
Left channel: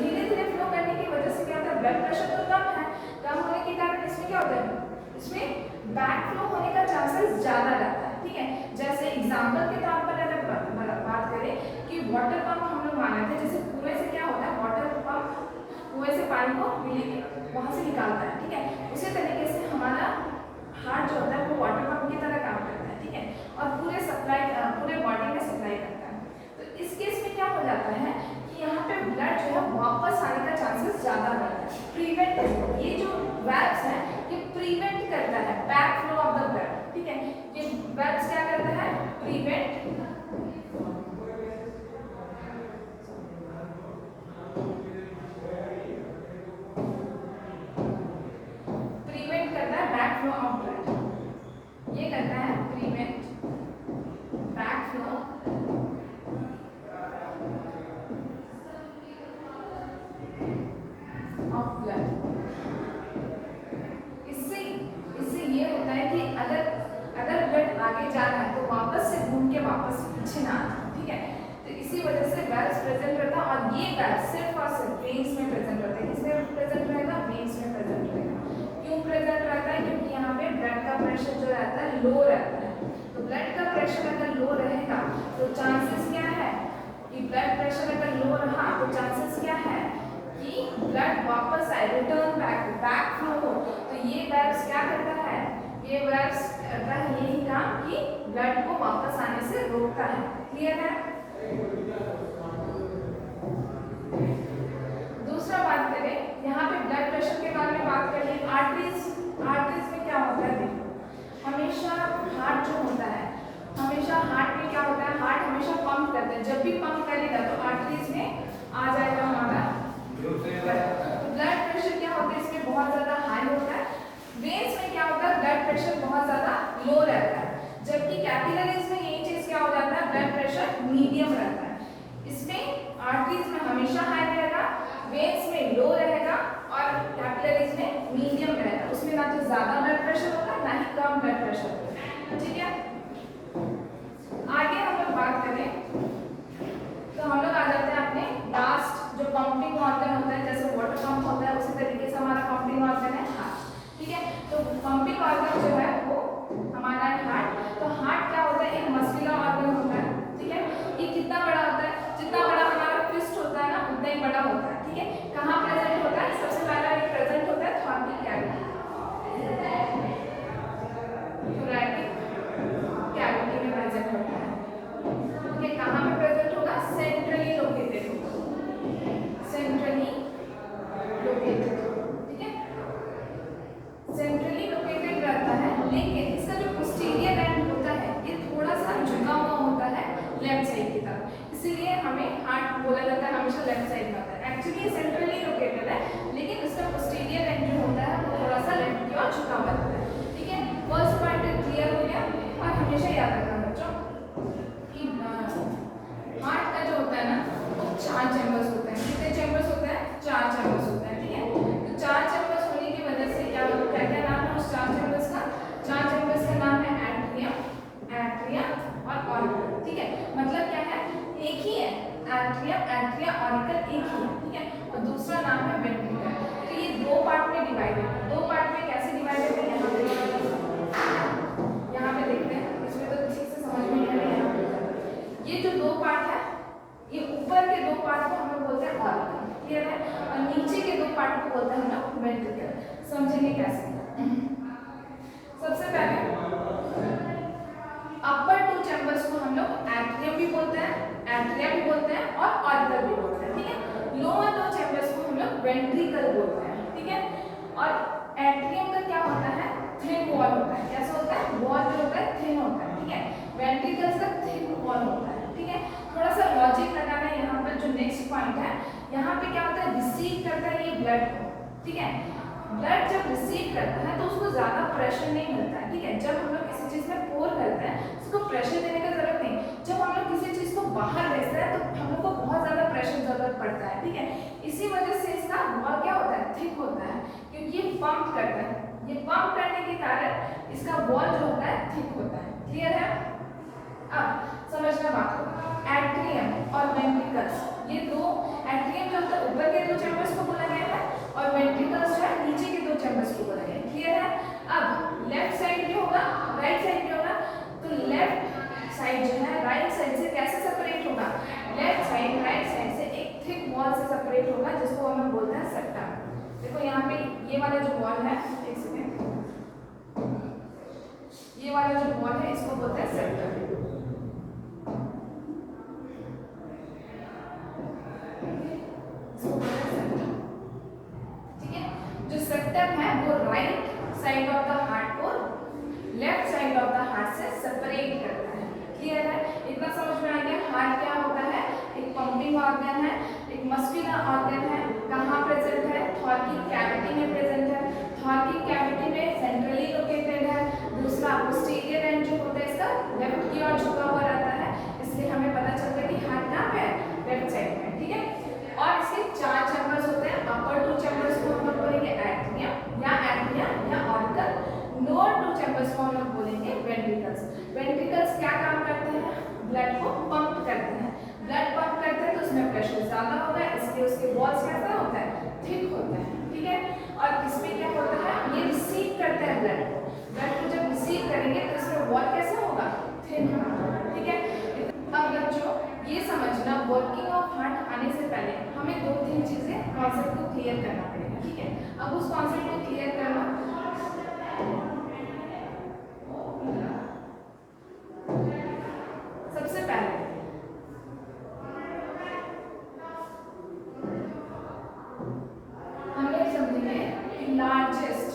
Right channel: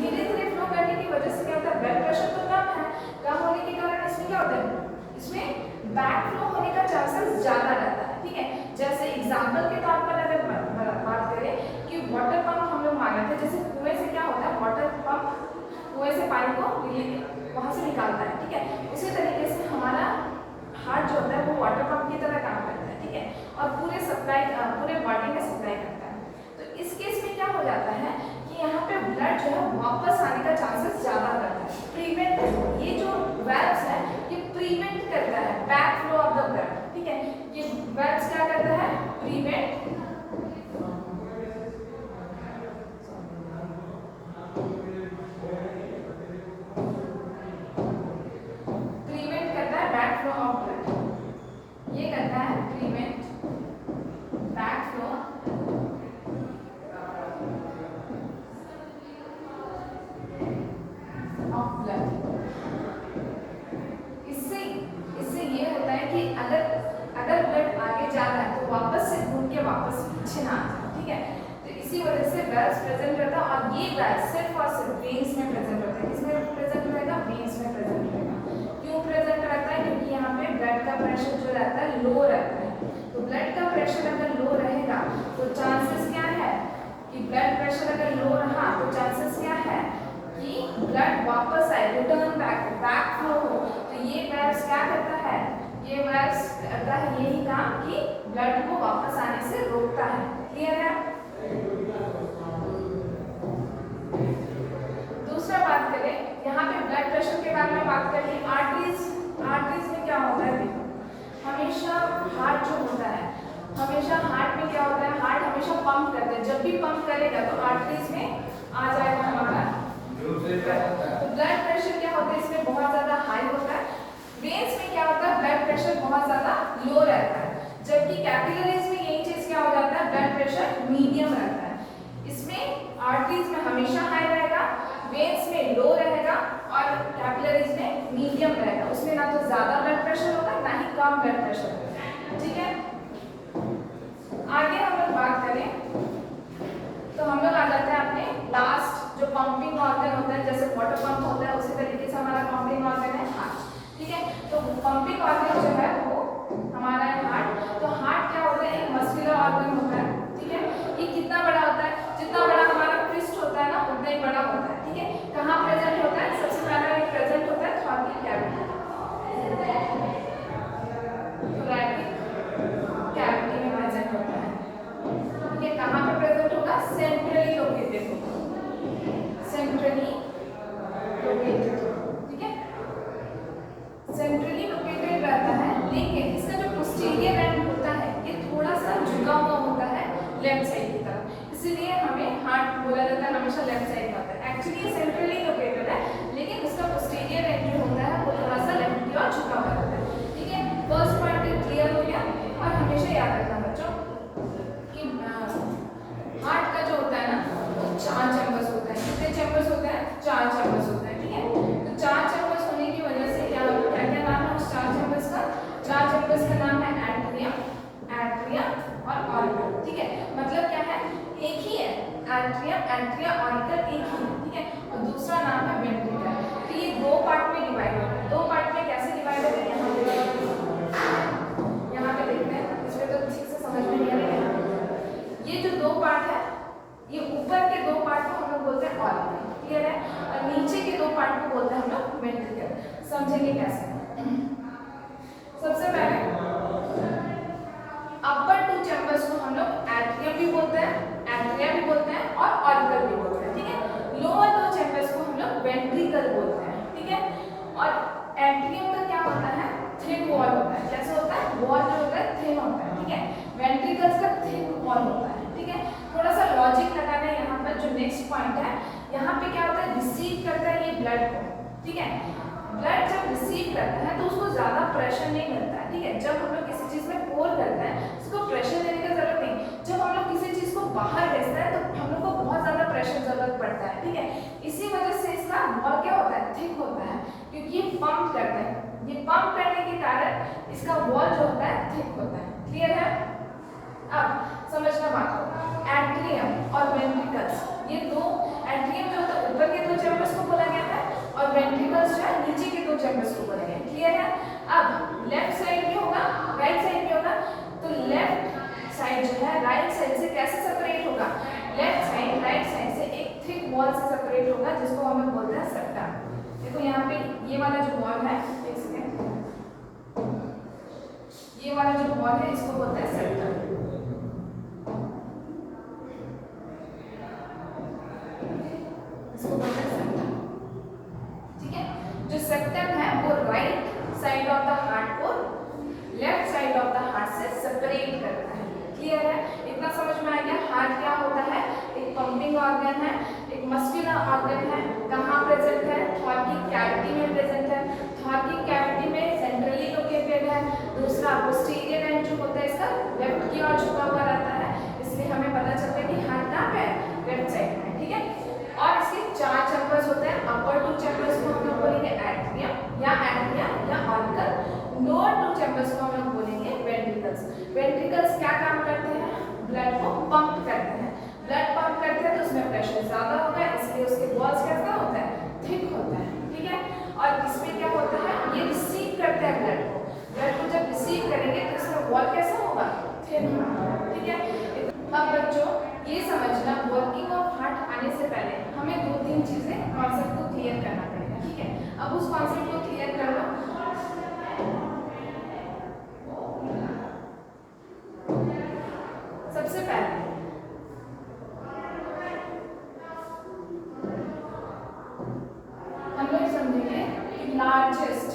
धीरे धीरे फ्लो करने की वजह से क्या होता है, ब्लड प्रेशर तो कम है, कम होने के कारण इसमें क्या होता है, इसमें बैक फ्लो होने का चांसेस ज़्यादा रहता है, ठीक है। जैसे एग्जाम्पल के तौर पर अगर बात करें कि वाटर पंप हम लोग माने थे, जैसे कुएं से क्या होता है, वाटर पंप कुएं से पानी को वहाँ से निकालता है, ठीक है। उसी तरीके से हमारा हार्ट जो होता है वो वाटर पंप की तरह काम करता है, ठीक है, और पूरे बॉडी में सप्लाई करता है। तो इस केस में क्या हो जाता है कि यहाँ पे ब्लड जो है वापस आने का चांसेस ज़्यादा रहता है। प्रिवेंट, ये जो वेल्व्स है ये प्रिवेंट करता है back flow of the blood, ठीक है। ये वेल्व्स क्या करता है, प्रिवेंट करता है बैक फ्लो ऑफ ब्लड, ये करता है prevent back flow of blood. इससे ये होता है कि अगर ब्लड आगे जा रहा है तो वापस से घूम के वापस पीछे ना आ जाए, ठीक है। तो इसी वजह से वेल्व्स प्रेजेंट रहता है, और ये वेल्व सिर्फ और सिर्फ वेन्स में प्रेजेंट रहता है। किसमें प्रेजेंट रहेगा, वेन्स में प्रेजेंट रहेगा। क्यों प्रेजेंट रहता है, क्योंकि यहाँ पे ब्लड का प्रेशर जो रहता है लो रहता है। तो ब्लड का प्रेशर अगर लो रहेगा तो चांसेस क्या है कि ब्लड प्रेशर अगर लो रहा तो चांसेस क्या है कि ब्लड वापस आए, रिटर्न बैक फ्लो हो। तो ये वेल्व्स क्या करता है, ये वेल्व्स करता है यही काम कि ब्लड को वापस आने से रोकता है। क्लियर है। दूसरा बात करें, यहाँ पे ब्लड प्रेशर के बारे में बात कर ली। आर्टरीज में क्या होता है, देखो हमेशा हार्ट जो होता है, हमेशा हार्ट में क्या होता है, हार्ट हमेशा पंप करता है। जब भी पंप करेगा तो आर्टरीज में आ जाएगा हमारा ब्लड प्रेशर। क्या होता है, इसमें बहुत ज़्यादा हाई होता है। वेन्स में क्या होता है, ब्लड प्रेशर बहुत ज़्यादा लो रहता है, जबकि कैपिलरीज में यही चीज़ क्या हो जाता है, ब्लड प्रेशर मीडियम रहता है। इसमें आर्टरीज में हमेशा हाई रहेगा, वेन्स में लो रहेगा, और कैपिलरीज में मीडियम रहेगा। उसमें ना तो ज़्यादा ब्लड प्रेशर होगा ना ही कम ब्लड प्रेशर होगा, ठीक है। आगे हम लोग बात करें तो हम लोग आ जाते हैं अपने लास्ट जो पंपिंग ऑर्गन होता है, जैसे वाटर पंप होता है उसी तरीके से हमारा पंपिंग ऑर्गन है हार्ट, ठीक है। तो पंपिंग ऑर्गन जो है वो हमारा है हार्ट। तो हार्ट क्या होता है, एक मस्कुलर ऑर्गन होता है, ठीक है। ये कितना बड़ा होता है, जितना बड़ा हमारा फिस्ट होता है ना उतना ही बड़ा होता है, ठीक है। कहाँ प्रेजेंट होता है, सबसे पहला ये प्रेजेंट होता है थोरैकिक कैविटी, कैविटी में प्रेजेंट होता है, ठीक है। कहाँ पे प्रेजेंट होगा, सेंट्रली लोकेटेड होगा, सेंट्रली लोकेटेड, ठीक है। सेंट्रली लोकेटेड रहता है, लेकिन इसका जो पोस्टीरियर एंड होता है ये थोड़ा सा झुका हुआ होता है लेफ्ट साइड की तरफ, इसीलिए हमें हार्ट बोला जाता है हमेशा लेफ्ट साइड में होता है। एक्चुअली ये सेंट्रली लोकेटेड है, लेकिन इसका पोस्टीरियर एंड जो होता है वो थोड़ा सा लेफ्ट की ओर झुका हुआ रहता है, ठीक है। फर्स्ट पार्ट क्लियर हो गया। और हमेशा याद रखना बच्चों कि हार्ट का जो होता है ना वो 4 चैम्बर्स होता है। कितने चैम्बर्स होते हैं, 4 चैम्बर्स होते हैं, ठीक है। तो 4 चैम्बर्स होने की वजह से क्या नाम है उस 4 चैम्बर्स का, 4 चैम्बर्स का नाम है एट्रियम और ऑरिकल, ठीक है। मतलब क्या है, एक ही है, एट्रिया ऑरिकल एक ही है, ठीक है। और दूसरा नाम है वेंट्रिकल। तो ये 2 पार्ट में डिवाइड होता है। 2 पार्ट में कैसे डिवाइड होते हैं, यहाँ पे देखते हैं, इसमें तो ठीक से समझ में नहीं आ रहा है। ये जो 2 पार्ट है, ये ऊपर के 2 पार्ट को हम लोग बोलते हैं ऑरिकल, क्लियर है। और वेंट्रिकल। समझेंगे कैसे? सबसे पहले अपर टू चैम्बर्स को हम लोग एट्रियम भी बोलते हैं, एट्रिया भी बोलते हैं और ऑरिकल भी बोलते हैं, ठीक है। लोअर टू चैम्बर्स को हम लोग वेंट्रिकल बोलते हैं, ठीक है। और एट्रियम का क्या होता है? थिन वॉल होता है। कैसे होता है? वॉल जो होता है थिन होता है, ठीक है। वेंट्रिकल्स का थिन वॉल होता है, ठीक है। थोड़ा सा लॉजिक लगाना है यहाँ पर। जो नेक्स्ट पॉइंट है, यहाँ पे क्या होता है? रिसीव करता है ये ब्लड को, ठीक है। ब्लड जब रिसीव करता है तो उसको ज्यादा प्रेशर नहीं मिलता है, ठीक है। जब हम लोग किसी चीज में पोर करते हैं उसको प्रेशर देने की जरूरत नहीं। जब हम लोग किसी चीज को बाहर भेजते हैं तो हम लोग को बहुत ज्यादा प्रेशर जरूरत पड़ता है, ठीक है। इसी वजह से इसका वॉल क्या होता है? थिक होता है, क्योंकि ये पंप करता है। ये पंप करने के कारण इसका वॉल जो होता है थिक होता है। क्लियर है? अब समझना बात को, एट्रियम और वेंट्रिकल्स, ये दो, एट्रियम जो होता है ऊपर के दो चैम्बर्स को बोला गया है और वेंट्रिकल्स जो है नीचे के दो चैम्बर्स को बोला गया है। क्लियर है? अब लेफ्ट साइड भी होगा, राइट साइड भी होगा, तो लेफ्ट साइड जो है राइट साइड से कैसे सेपरेट होगा? लेफ्ट साइड राइट साइड से एक थिक वॉल से सेपरेट होगा, जिसको हम लोग बोलते हैं सेप्टम। देखो यहाँ पे ये वाला जो वॉल है, एक सेकेंड, ये वाला जो वॉल है इसको बोलते हैं सेप्टम। ठीक है, जो सेप्टम है वो right side of the heart को left side of the heart से सेपरेट करता है। क्लियर है? इतना समझ में आ गया? हार्ट क्या होता है? एक पंपिंग ऑर्गन है, एक मस्कुलर ऑर्गन है। कहाँ प्रेजेंट है? थॉर्किक कैविटी में प्रेजेंट है। थॉर्किक कैविटी में सेंट्रली लोकेटेड है। दूसरा पोस्टीरियर एंड जो होता है इसका लेफ्ट की ओर झुका हुआ रहता है, इसलिए हमें पता चलता है कि हार्ट कहाँ पे है? लेफ्ट साइड में, ठीक है। और इसके चार चैम्बर्स होते हैं। अपर टू चैम्बर्स को हम लोग बोलेंगे एट्रियम या एट्रिया या ऑरिकल। लोअर टू चैम्बर्स को हम लोग बोलेंगे वेंट्रिकल्स। वेंट्रिकल्स क्या काम करते हैं? ब्लड को पंप करते हैं। ब्लड पंप करते हैं तो उसमें प्रेशर ज्यादा होता है, इसलिए उसके वॉल्स कैसा होता है? थिक होता है, ठीक है। और इसमें क्या होता है? ये रिसीव करते हैं ब्लड को। ब्लड को जब रिसीव करेंगे तो इसका वॉल कैसा होगा? थिन होगा, ठीक है। अब बच्चों ये समझना, वर्किंग ऑफ हार्ट आने से पहले हमें दो तीन चीजें कॉन्सेप्ट को क्लियर करना पड़ेगा, ठीक है। अब उस कॉन्सेप्ट को क्लियर कर लो। सबसे पहले हम लोग समझेंगे कि लार्जेस्ट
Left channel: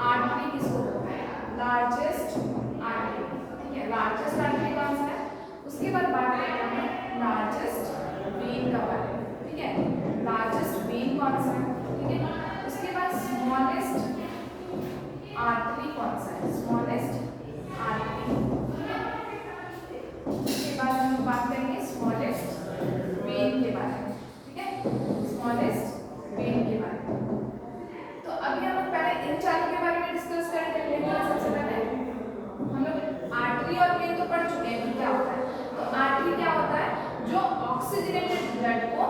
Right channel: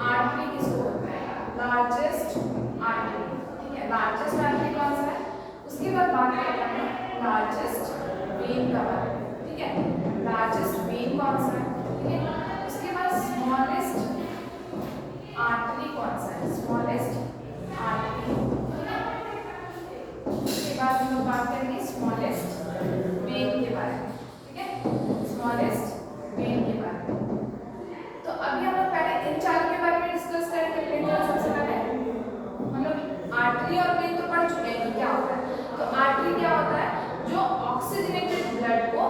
आर्टरी किसको बोलते हैं? लार्जेस्ट आर्टरी, ठीक है। लार्जेस्ट आर्टरी कौन सा है? उसके बाद बात करेंगे हम लोग लार्जेस्ट वेन का बारे में, ठीक है। लार्जेस्ट वेन कौन सा है, ठीक है। उसके बाद स्मॉलेस्ट आर्टरी कौन सा है? स्मॉलेस्ट आर्टरी, ठीक है। उसके बाद हम लोग बात करेंगे स्मॉलेस्ट वेन के बारे में, ठीक है। स्मॉलेस्ट वेन के बारे में। तो अभी हम लोग पहले इन चारों के बारे में डिस्कस करेंगे। सबसे पहले हम लोग आर्टरी और वेन तो पढ़ चुके हैं क्या होता है। तो आर्टरी क्या होता है? जो ऑक्सीजनेटेड ब्लड को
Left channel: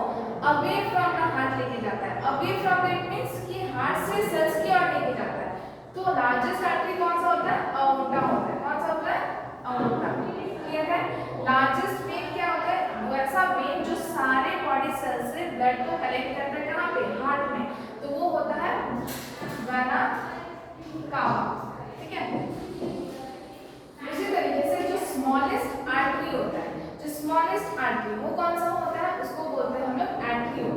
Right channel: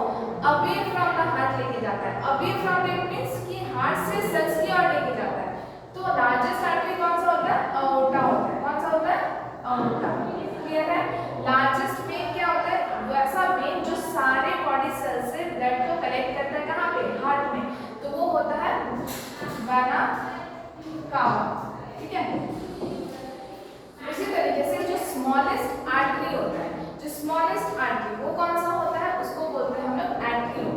अवे फ्रॉम द हार्ट लेके जाता है। अवे फ्रॉम दैट मींस कि हार्ट से सेल्स की ओर लेके जाता है। तो लार्जेस्ट आर्टरी कौन सा होता है? अओर्टा होता है। कौन सा होता है? अओर्टा। क्लियर है? लार्जेस्ट वेन क्या होता है? वैसा वेन जो सारे बॉडी सेल्स से ब्लड को कलेक्ट करता है। कहाँ पे? हार्ट में। तो वो होता है वेना कावा, ठीक है। उसी तरीके से जो स्मॉलेस्ट आर्टरी होता है, जो स्मॉलेस्ट आर्टरी वो कौन सा होता है? उसको बोलते हैं हम लोग एट्रियो।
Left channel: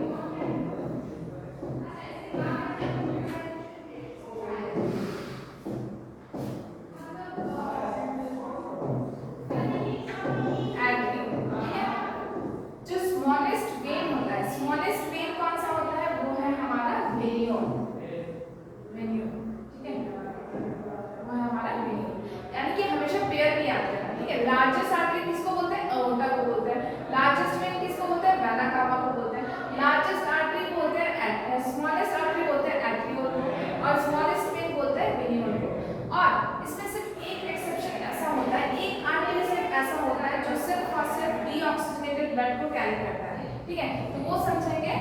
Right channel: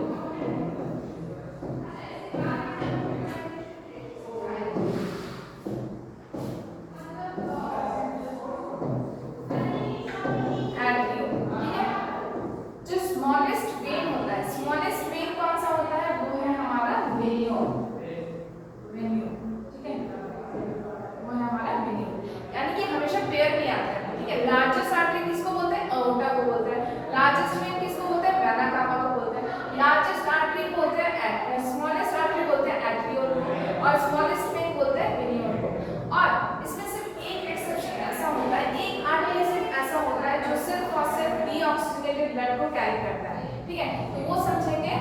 लार्जेस्ट आर्टरी किसको बोलते हैं? अओर्टा को बोलते हैं। लार्जेस्ट वेन किसको बोलते हैं? वेना कावा को बोलते हैं। लार्जेस्ट आर्टरी बोलते हैं स्मॉलेस्ट आर्टरी बोलते हैं एट्रियोल को, और स्मॉलेस्ट वेन बोलते हैं वेनियोल को। और इसमें सिर्फ एक एक्सेप्शन ऐसा होता है, एक आर्टरी सिर्फ ऐसा होता है जो सिर्फ और सिर्फ डीऑक्सीजनेटेड ब्लड को कैरी करता है, ठीक है। तो वो समझेंगे,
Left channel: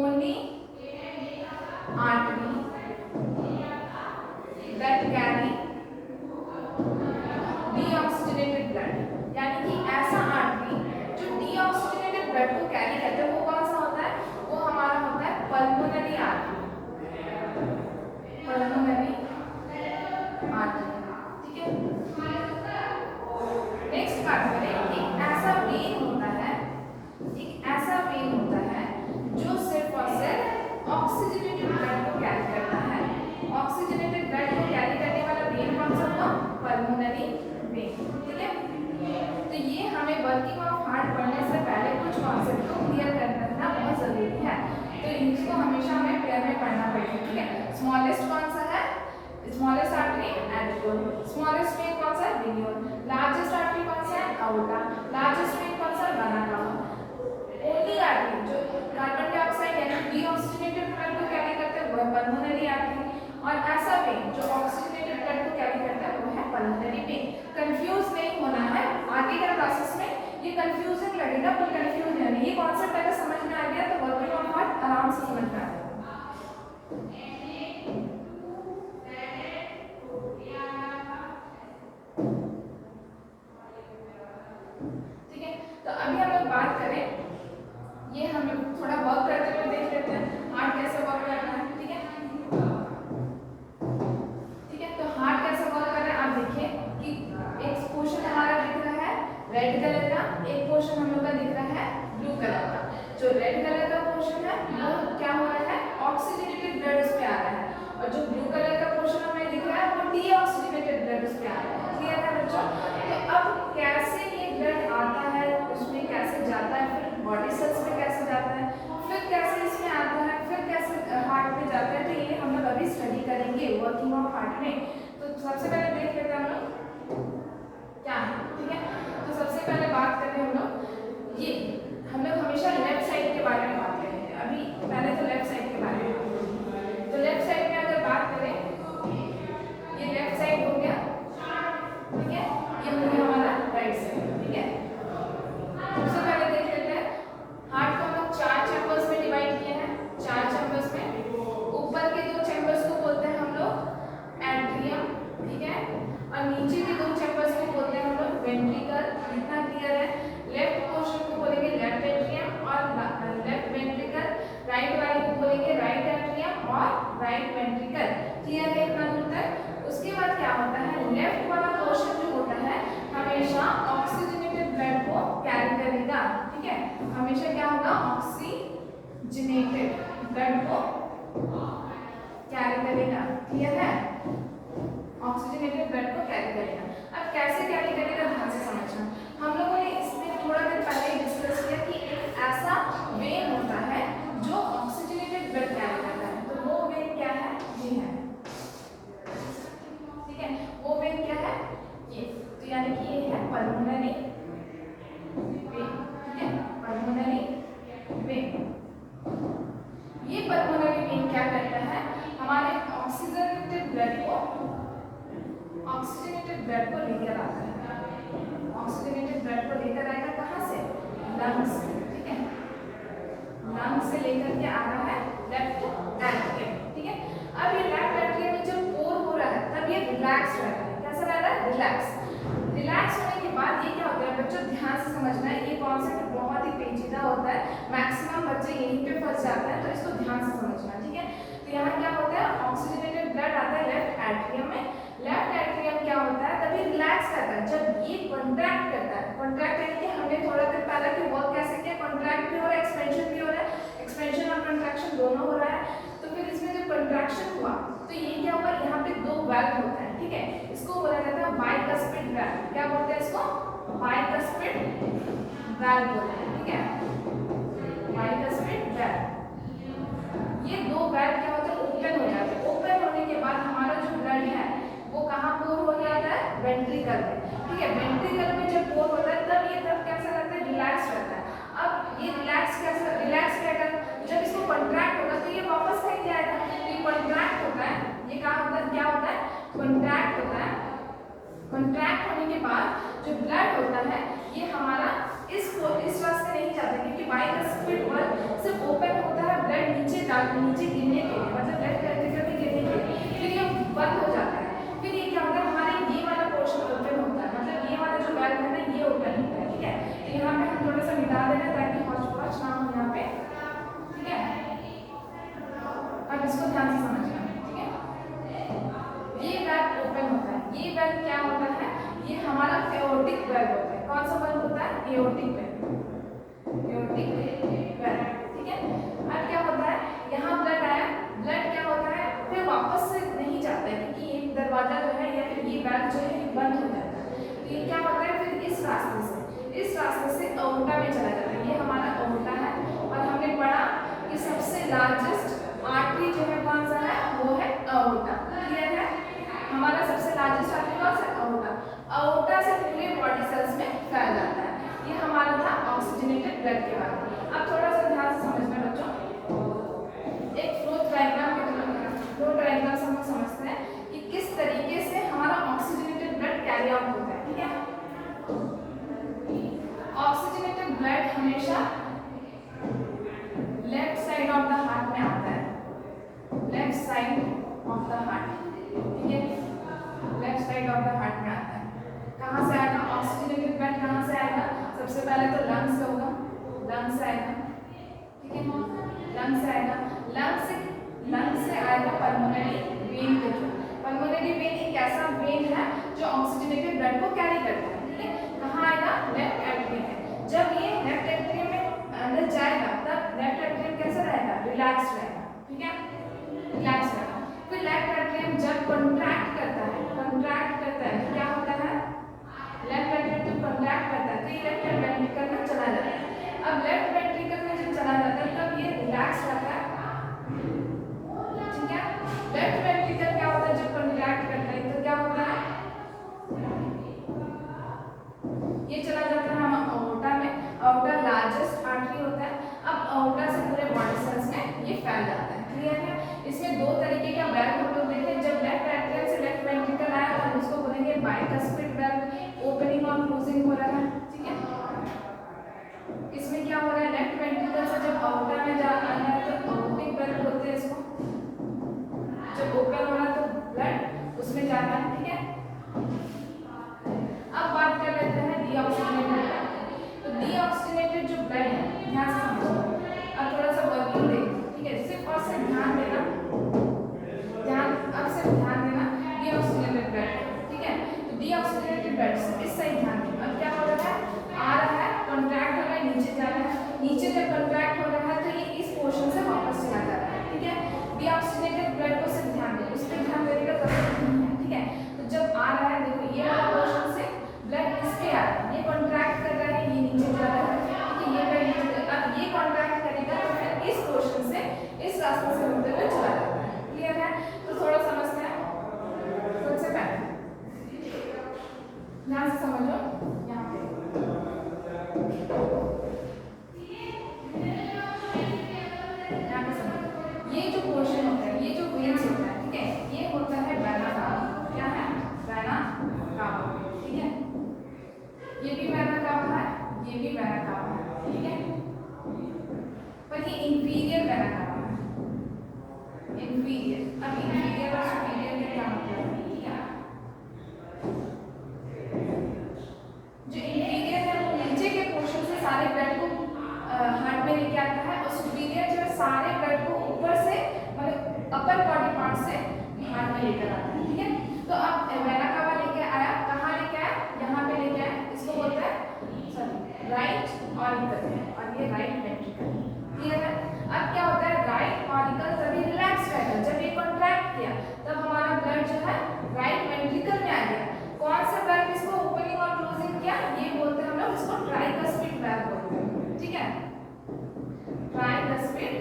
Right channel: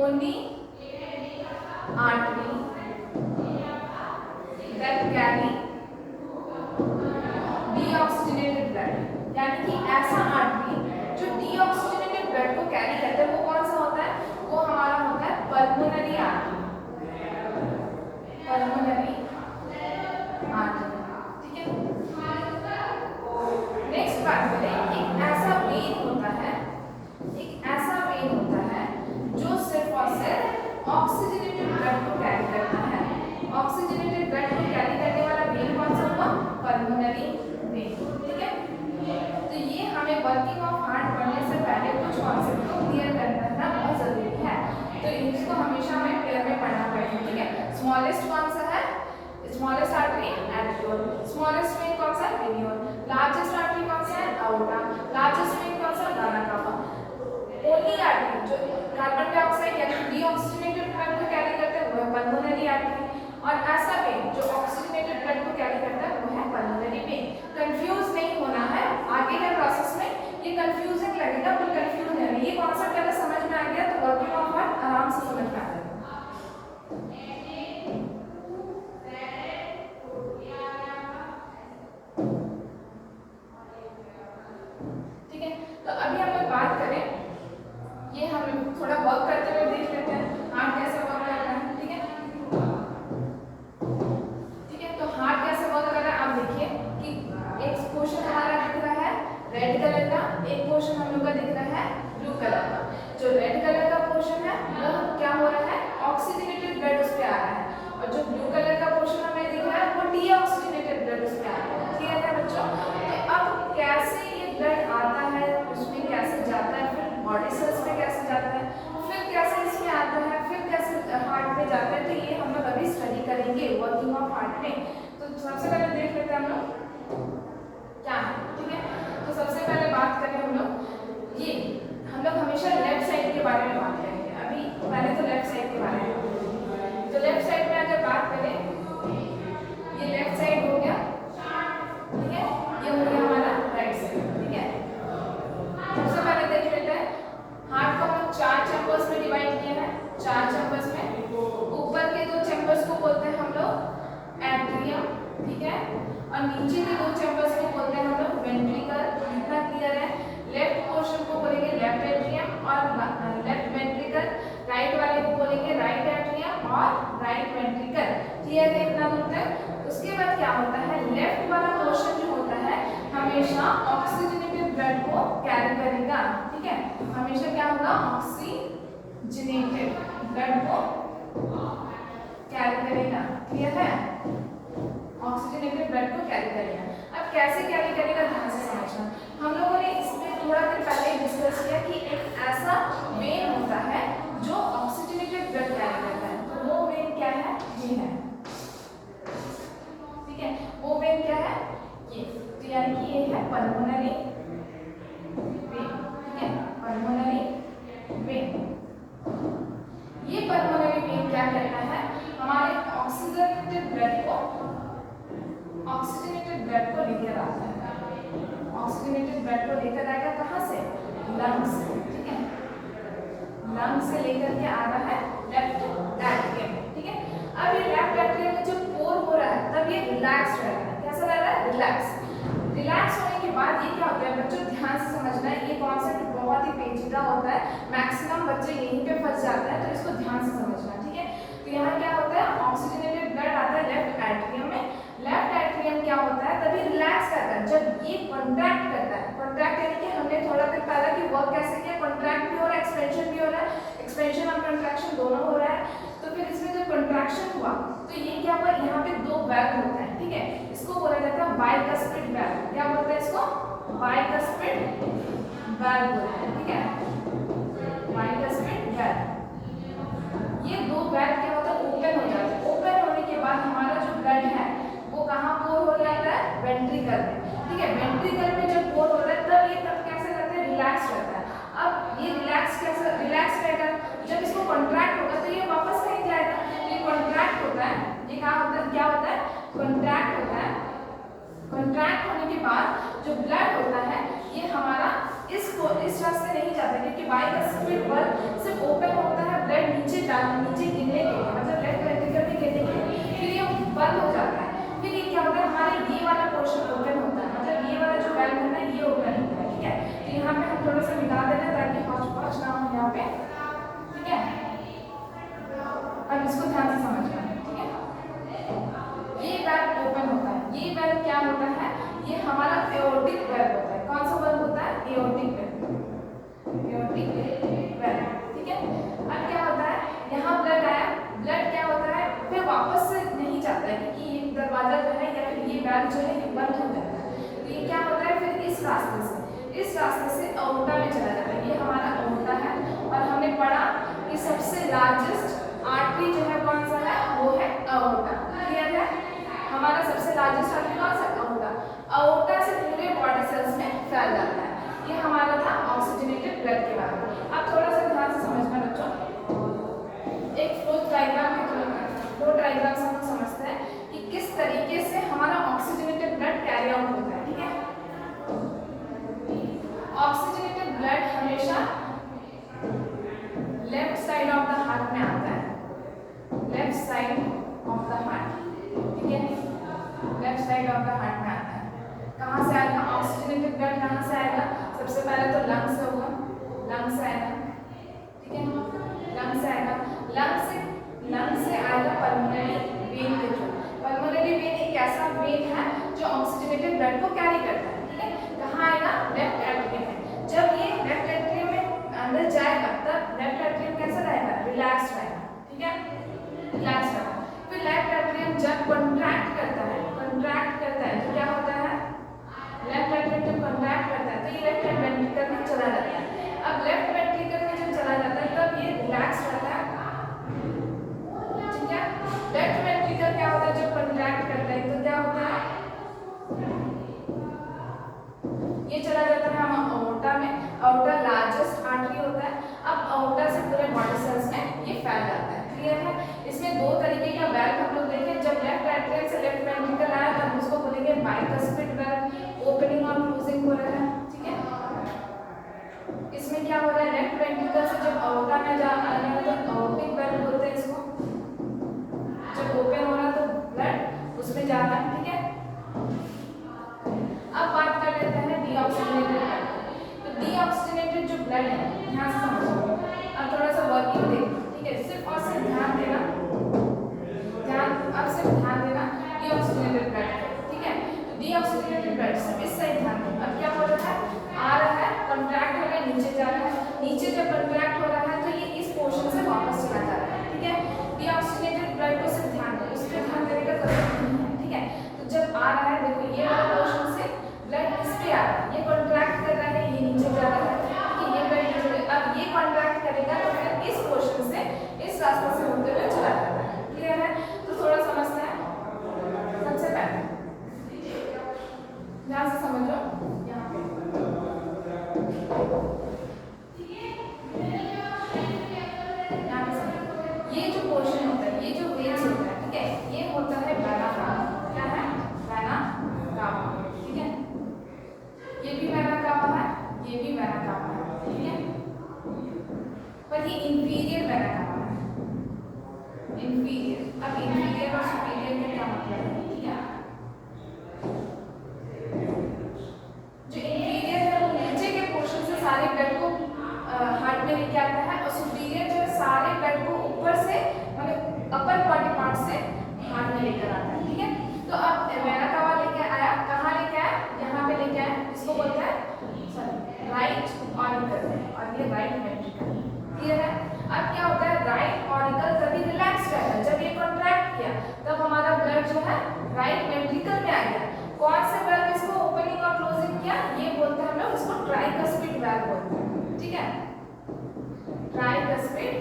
only artery that carry deoxygenated blood, यानी कि ऐसा आर्टरी जो डीऑक्सीजनेटेड ब्लड को कैरी करता है, वो कौन सा होता है? वो हमारा होता है ऑक्सीजनेटेड ब्लड को कैरी करता है। ऑक्सीजनेटेड ब्लड को कैरी करने वाला वेन कौन सा हुआ? Pulmonary vein. ठीक है, तो ये हमें वर्किंग ऑफ हार्ट पढ़ने से पहले कुछ कॉन्सेप्ट को क्लियर करना बहुत जरूरी है, तो इसको हमेशा हमें पेयर में पढ़ना पड़ेगा। ठीक है, स्मॉलेस्ट कौन सा है? Smallest artery arteriole. Smallest when कौन सा है? वेन्यूल। लार्जेस्ट आर्टरी कौन सा है? आउटा। लार्जेस्ट वेन कौन सा? Vena cava. ओनली आर्टरी जो कार्बन डाइऑक्साइड यानी डीऑक्सीजनेटेड ब्लड को कैरी करता है वो है पल्मोनरी आर्टरी, और ऐसा वेन जो ऑक्सीजनेटेड ब्लड को कैरी करता है वो है पल्मोनरी वेन। कंफ्यूज नहीं होना है, आगे का प्रोसेस में ये कंफ्यूजिंग लगेगा पर कंफ्यूज नहीं है। ये कॉन्सेप्ट अगर समझ में आ गया तो वर्किंग ऑफ हार्ट आराम से समझ में आ जाएगा। ठीक है, तो अभी हम लोग बात करें, ये हम लोग थोड़ा वर्क करते हुए देख लेते हैं हार्ट कैसे वर्क करता है। ठीक है, ठीक है, तो हार्ट कैसे वर्क कर रहा है आप देखिए कि एक पोर्शन हमारा दिख रहा है रेड कलर का, एक पोर्शन हम लोग का दिख रहा है ब्लू कलर का। जो रेड कलर का पोर्शन है वो क्या हो रहा है? ऑक्सीजनेटेड ब्लड उस पे आ रहा है, और जो ब्लू कलर का पोर्शन हमें दिख रहा है वो डीऑक्सीजनेटेड ब्लड उस पे आ रहा है। क्लियर है बच्चों? तो अब कैसे ये ब्लड आता है, उसमें कैसे जाता है, फिर बॉडी सेल्स पे कैसे जाता है, फिर कैसे इसमें आता है, फिर कैसे हार्ट में जाता है, तो ये हम लोग अभी स्टडी करेंगे वर्किंग ऑफ हार्ट में। तो सबसे पहले देख लेते हैं हम लोग क्या है। ठीक है, तो सबसे पहले बात करें हम लोग, ये हम लोग हमेशा लेफ्ट साइड के बारे में बात करेंगे। अभी पहले तो लेफ्ट साइड के बारे में, तो लेफ्ट साइड में अगर बात करें, ये लेफ्ट साइड हो गया। ठीक है, ये हो गया हमारा राइट साइड। ठीक है, सबसे पहले देख लेते हैं हार्ट को हम 4 चैम्बर्स में डिवाइड किए हैं। 4 चैम्बर्स में ऊपर के 2 चैम्बर्स को बोलते हैं हम लोग एट्रियम। ठीक है, और नीचे के 2 चैम्बर्स को बोलते हैं हम लोग वेंट्रिकल। इतना क्लियर है? लेफ्ट पोर्शन को बोलेंगे लेफ्ट एट्रियम और लेफ्ट वेंट्रिकल, राइट वाले को बोलेंगे राइट एट्रियम और राइट वेंट्रिकल। क्लियर है इतना दूर तक? उसके बाद क्या होता है, लेफ्ट वाला पोर्शन जो होता है हमेशा ऑक्सीजनेटेड ब्लड को कैरी करेगा। ठीक है, हमेशा क्या होगा? ऑक्सीजनेटेड ब्लड को कैरी करेगा। क्लियर है? ऑक्सीजनेटेड ब्लड को कैरी करेगा। अब कैसे कैरी करेगा ध्यान से समझना। हम लोगों ने इसमें थोड़ा देर पहले डिस्कस किया कि एक ऐसा वेन होता है जो ऑक्सीजनेटेड ब्लड कैरी करता है, तो वो वेन क्या है? ये है। ठीक है, वो वेन क्या है? ये, तो यानी कि ये है पल्मोनरी वेन। ठीक है, पल्मोनरी वेन। ये पल्मोनरी वेन क्या करता है? हमारे ऑक्सीजनेटेड ब्लड को लेकर आता है। ऑक्सीजनेटेड ब्लड को लेकर आएगा कहाँ से? लंग्स से। ठीक है, लंग्स से लेकर के आ रहा है लेफ्ट एट्रियम। ठीक है, अब ये लेफ्ट एट्रियम में जब पोर हो रहा है तब ये रिलैक्स रह रहा है। कैसा रह रहा है? रिलैक्स। रिलैक्स होने के बाद ये क्या होता है बच्चों, ध्यान से समझना है, ये कॉन्सेप्ट बहुत ही पेचीदा होता है, मैक्सिमम बच्चे यहीं पे फंस जाता है, तो इसको ध्यान से समझना। ठीक है, तो यहाँ क्या होता है? ऑक्सीजनेटेड ब्लड आता है लेफ्ट एट्रियम में। लेफ्ट एट्रियम क्या होता है? तभी रिलैक्स करता है जब ये कॉन्ट्रैक्ट करता है। कॉन्ट्रैक्ट यानी कि हमने थोड़ा देर पहले कि वर्क कैसे किया, कॉन्ट्रैक्ट भी हो रहा है, एक्सपेंशन भी हो रहा है, एक्सपेंशन और कंट्रैक्शन दोनों हो रहा है। तो फिर इसमें जब कंट्रैक्शन हुआ तो ये क्या हुआ? यहाँ पे 2 वैल्व होता है। ठीक है, इसको बोला जाता है बाइकस्पिड वैल्व। क्या बोलते हैं इसको? बाइकस्पिड वैल्व बोलते हैं। ठीक है, बाइकस्पिड वैल्व। ये 2 वैल्व क्या होता है? ओपन हो जाते हैं। ओपन होने के बाद हमारा जो ब्लड है वो कहाँ पोर हो जाता है? वेंट्रिकल में। ठीक है, वेंट्रिकल में जब पोर होता है तब कैसे रहता है? रिलैक्स रहता है। अब ये रिलैक्स कैसे रिलैक्स रहेगा? जब इसको कॉन्ट्रैक्ट होगा तो ये वापस कहीं जाएगा। तो ये कॉन्ट्रैक्ट होता है, ये कहाँ होता है? क्या होता है? कॉन्ट्रैक्ट होता है। कॉन्ट्रैक्ट होने के बाद जो ब्लड होता है ये हमारा इस रास्ते नहीं जाता, क्योंकि बाइकस्पिड वैल्व सिर्फ ओपन होता है ब्लड नीचे गिरने के लिए, मतलब लेफ्ट वेंट्रिकल में गिरने के लिए, फिर ये बंद हो जाता है। फिर ये क्या होता है? हमारे ये वाला पोर्शन ओपन होता है, मतलब ये वाला जो वैल्व है ना ये ओपन होता है। ठीक है, तो यहाँ पे हम थोड़ा सा मिला देना ताकि हौच-पौच ना हो यहाँ पे। ठीक है, अब इसको ध्यान से समझना। ठीक है, ये वैल्व ओपन होता है। ये वैल्व क्या होता है? ये हमारा एओर्टिक वैल्व होता है। कौन सा वैल्व होता है? Aortic valve. Aortic valve. ठीक है, अब क्या होता है? यहाँ ब्लड आया, वापस से नहीं जाता है, क्योंकि ये दरवाजा जो है या फिर ये बैग जो है ये बंद हो जाता है। तो ये क्या होता है फिर इस रास्ते से अओर्टा में चला जाता है। ये हमारा अओर्टा है और हमने पढ़ा कि सबसे लार्जेस्ट आर्टरी जो है कौन सा है, वो है अओर्टा। क्लियर है? हमारा सबसे लार्जेस्ट आर्टरी कौन सा है? अओर्टा। अओर्टा से पूरे बॉडी सेल्स में फैल जाता है। ये हमारा था ऑक्सीजनेटेड ब्लड के बारे में। अब थोड़ा सा ध्यान से समझना बच्चों, एक फ्लो डायग्राम से हम समझते हैं कि किस तरीके से हमारा ऑक्सीजनेटेड ब्लड कैरी आउट होता है। ठीक है, ऑक्सीजनेटेड ब्लड हमेशा left side of the heart में आता है, left side of the heart. ठीक है, left side of the heart में आता है। कहाँ से आएगा ऑक्सीजनेटेड ब्लड? कहाँ से आएगा? सबसे पहले तो लंग से होगा, लंग से आएगा। ठीक है, लंग से आएगा, लंग से आएगा पल्मोनरी वेन के थ्रू। पल्मोनरी वेन एक ऐसा वेन है जो ऑक्सीजनेटेड ब्लड को कैरी करता है। ठीक है, कहाँ आएगा? लेफ्ट एट्रियम में। जब ये लेफ्ट एट्रियम में अंदर जाएगा तब लेफ्ट एट्रियम कैसा रहेगा? रिलैक्स रहेगा। ठीक है, रिलैक्स रहेगा। फिर लेफ्ट एट्रियम जब कॉन्ट्रैक्ट करता है तो क्या होता है? लेफ्ट एट्रियम जब कॉन्ट्रैक्ट करता है तो ये लेफ्ट वेंट्रिकल में चला जाता है। अब लेफ्ट वेंट्रिकल में जब चला जाता है तब ये रिलैक्स रहता है। ठीक है, लेफ्ट वेंट्रिकल क्या होता है? जब कॉन्ट्रैक्ट करता है तो क्या होता है? ये चला जाता है हम अओर्टा में। अओर्टा लार्जेस्ट आर्टरी होता है। अब अओर्टा से पूरे बॉडी सेल्स में ये फैल जाता है। क्लियर है? इसमें दो तरीके का वैल्व हम लोग देखें। जब लेफ्ट एट्रियम से लेफ्ट वेंट्रिकल आया तो हम उसको बोलेंगे बाइकस्पिड वैल्व, ओपनिंग और क्लोजिंग हो रहा है। ठीक है, इसमें क्या हो रहा है? लेफ्ट वेंट्रिकल से जब अओर्टा में जा रहा है तो अओर्टिक वैल्व बोलते हैं इसको। जब ओपन हो रहा है तो ब्लड उसमें जा रहा है। ठीक है, अब बात कर लेते हैं डीऑक्सीजनेटेड ब्लड। तो डीऑक्सीजनेटेड जो ब्लड है, ध्यान से समझो। अब थोड़ा सा वर्किंग देखो। ठीक है, सिर्फ और सिर्फ ध्यान देना, अब सिर्फ ध्यान देना डीऑक्सीजनेटेड ब्लड। ठीक है, तो डीऑक्सीजनेटेड ब्लड से इस साइड ध्यान दो। अब क्या हो रहा है? आ रहा है, कॉन्ट्रैक्ट हो रहा है, नीचे जा रहा है। नीचे जब कॉन्ट्रैक्ट हो रहा है तो ये इस पोर्शन से वापस चला जा रहा है। ठीक है, डीऑक्सीजनेटेड ब्लड को सिर्फ ध्यान दो, इस पर ध्यान देने का जरूरत नहीं है। ठीक है, तो जब आ रहा है देखो ये वाला पोर्शन से ब्लड इस पे आ रहा है, ये कॉन्ट्रैक्ट कर रहा है, ये नीचे जा रहा है। ठीक है, ये ब्लड अब ये कॉन्ट्रैक्ट करेगा तो फिर इस पोर्शन से इस रास्ते से होते हुए चला जाता है। क्लियर है? तो थोड़ा समझते हैं। सबसे पहले ध्यान से समझो, यहाँ पे ये जो पोर्शन होता है, ये जो वेन्स होता है, ठीक है, ये होता है वेना कावा। क्या है? Vena cava. ठीक है, ये भी वेना कावा है, ये भी वेना कावा है। ठीक है, पर ये इंफीरियर वेना कावा है, इंफीरियर। अब इंफीरियर और सुपीरियर का क्या मतलब है? ठीक है, जो इंफीरियर है वो नीचे के पोर्शन से सारे ब्लड को हार्ट में लेके आता है, और सुपीरियर जो है सारे ब्लड को ऊपर से मतलब अपर बॉडी पार्ट से हार्ट में लेकर आता है। ठीक है, तो अब वेना कावा लेके आया, कहाँ लेके आया? यहाँ पे लेके आया। इसको बोलते हैं राइट ऑरिकल, और ये राइट वेंट्रिकल। क्लियर है? अब क्या होता है? राइट ऑरिकल तभी रिलैक्स रहेगा जब ये कॉन्ट्रैक्ट किया, तब हमारा ब्लड जो है राइट वेंट्रिकल में आ गया। कौन से वैल्व इसको ओपनिंग और क्लोजिंग किया? ये बोलते हैं हम लोग, इसको ट्राइकस्पिड वैल्व बोलते हैं। ठीक है, ट्राइकस्पिड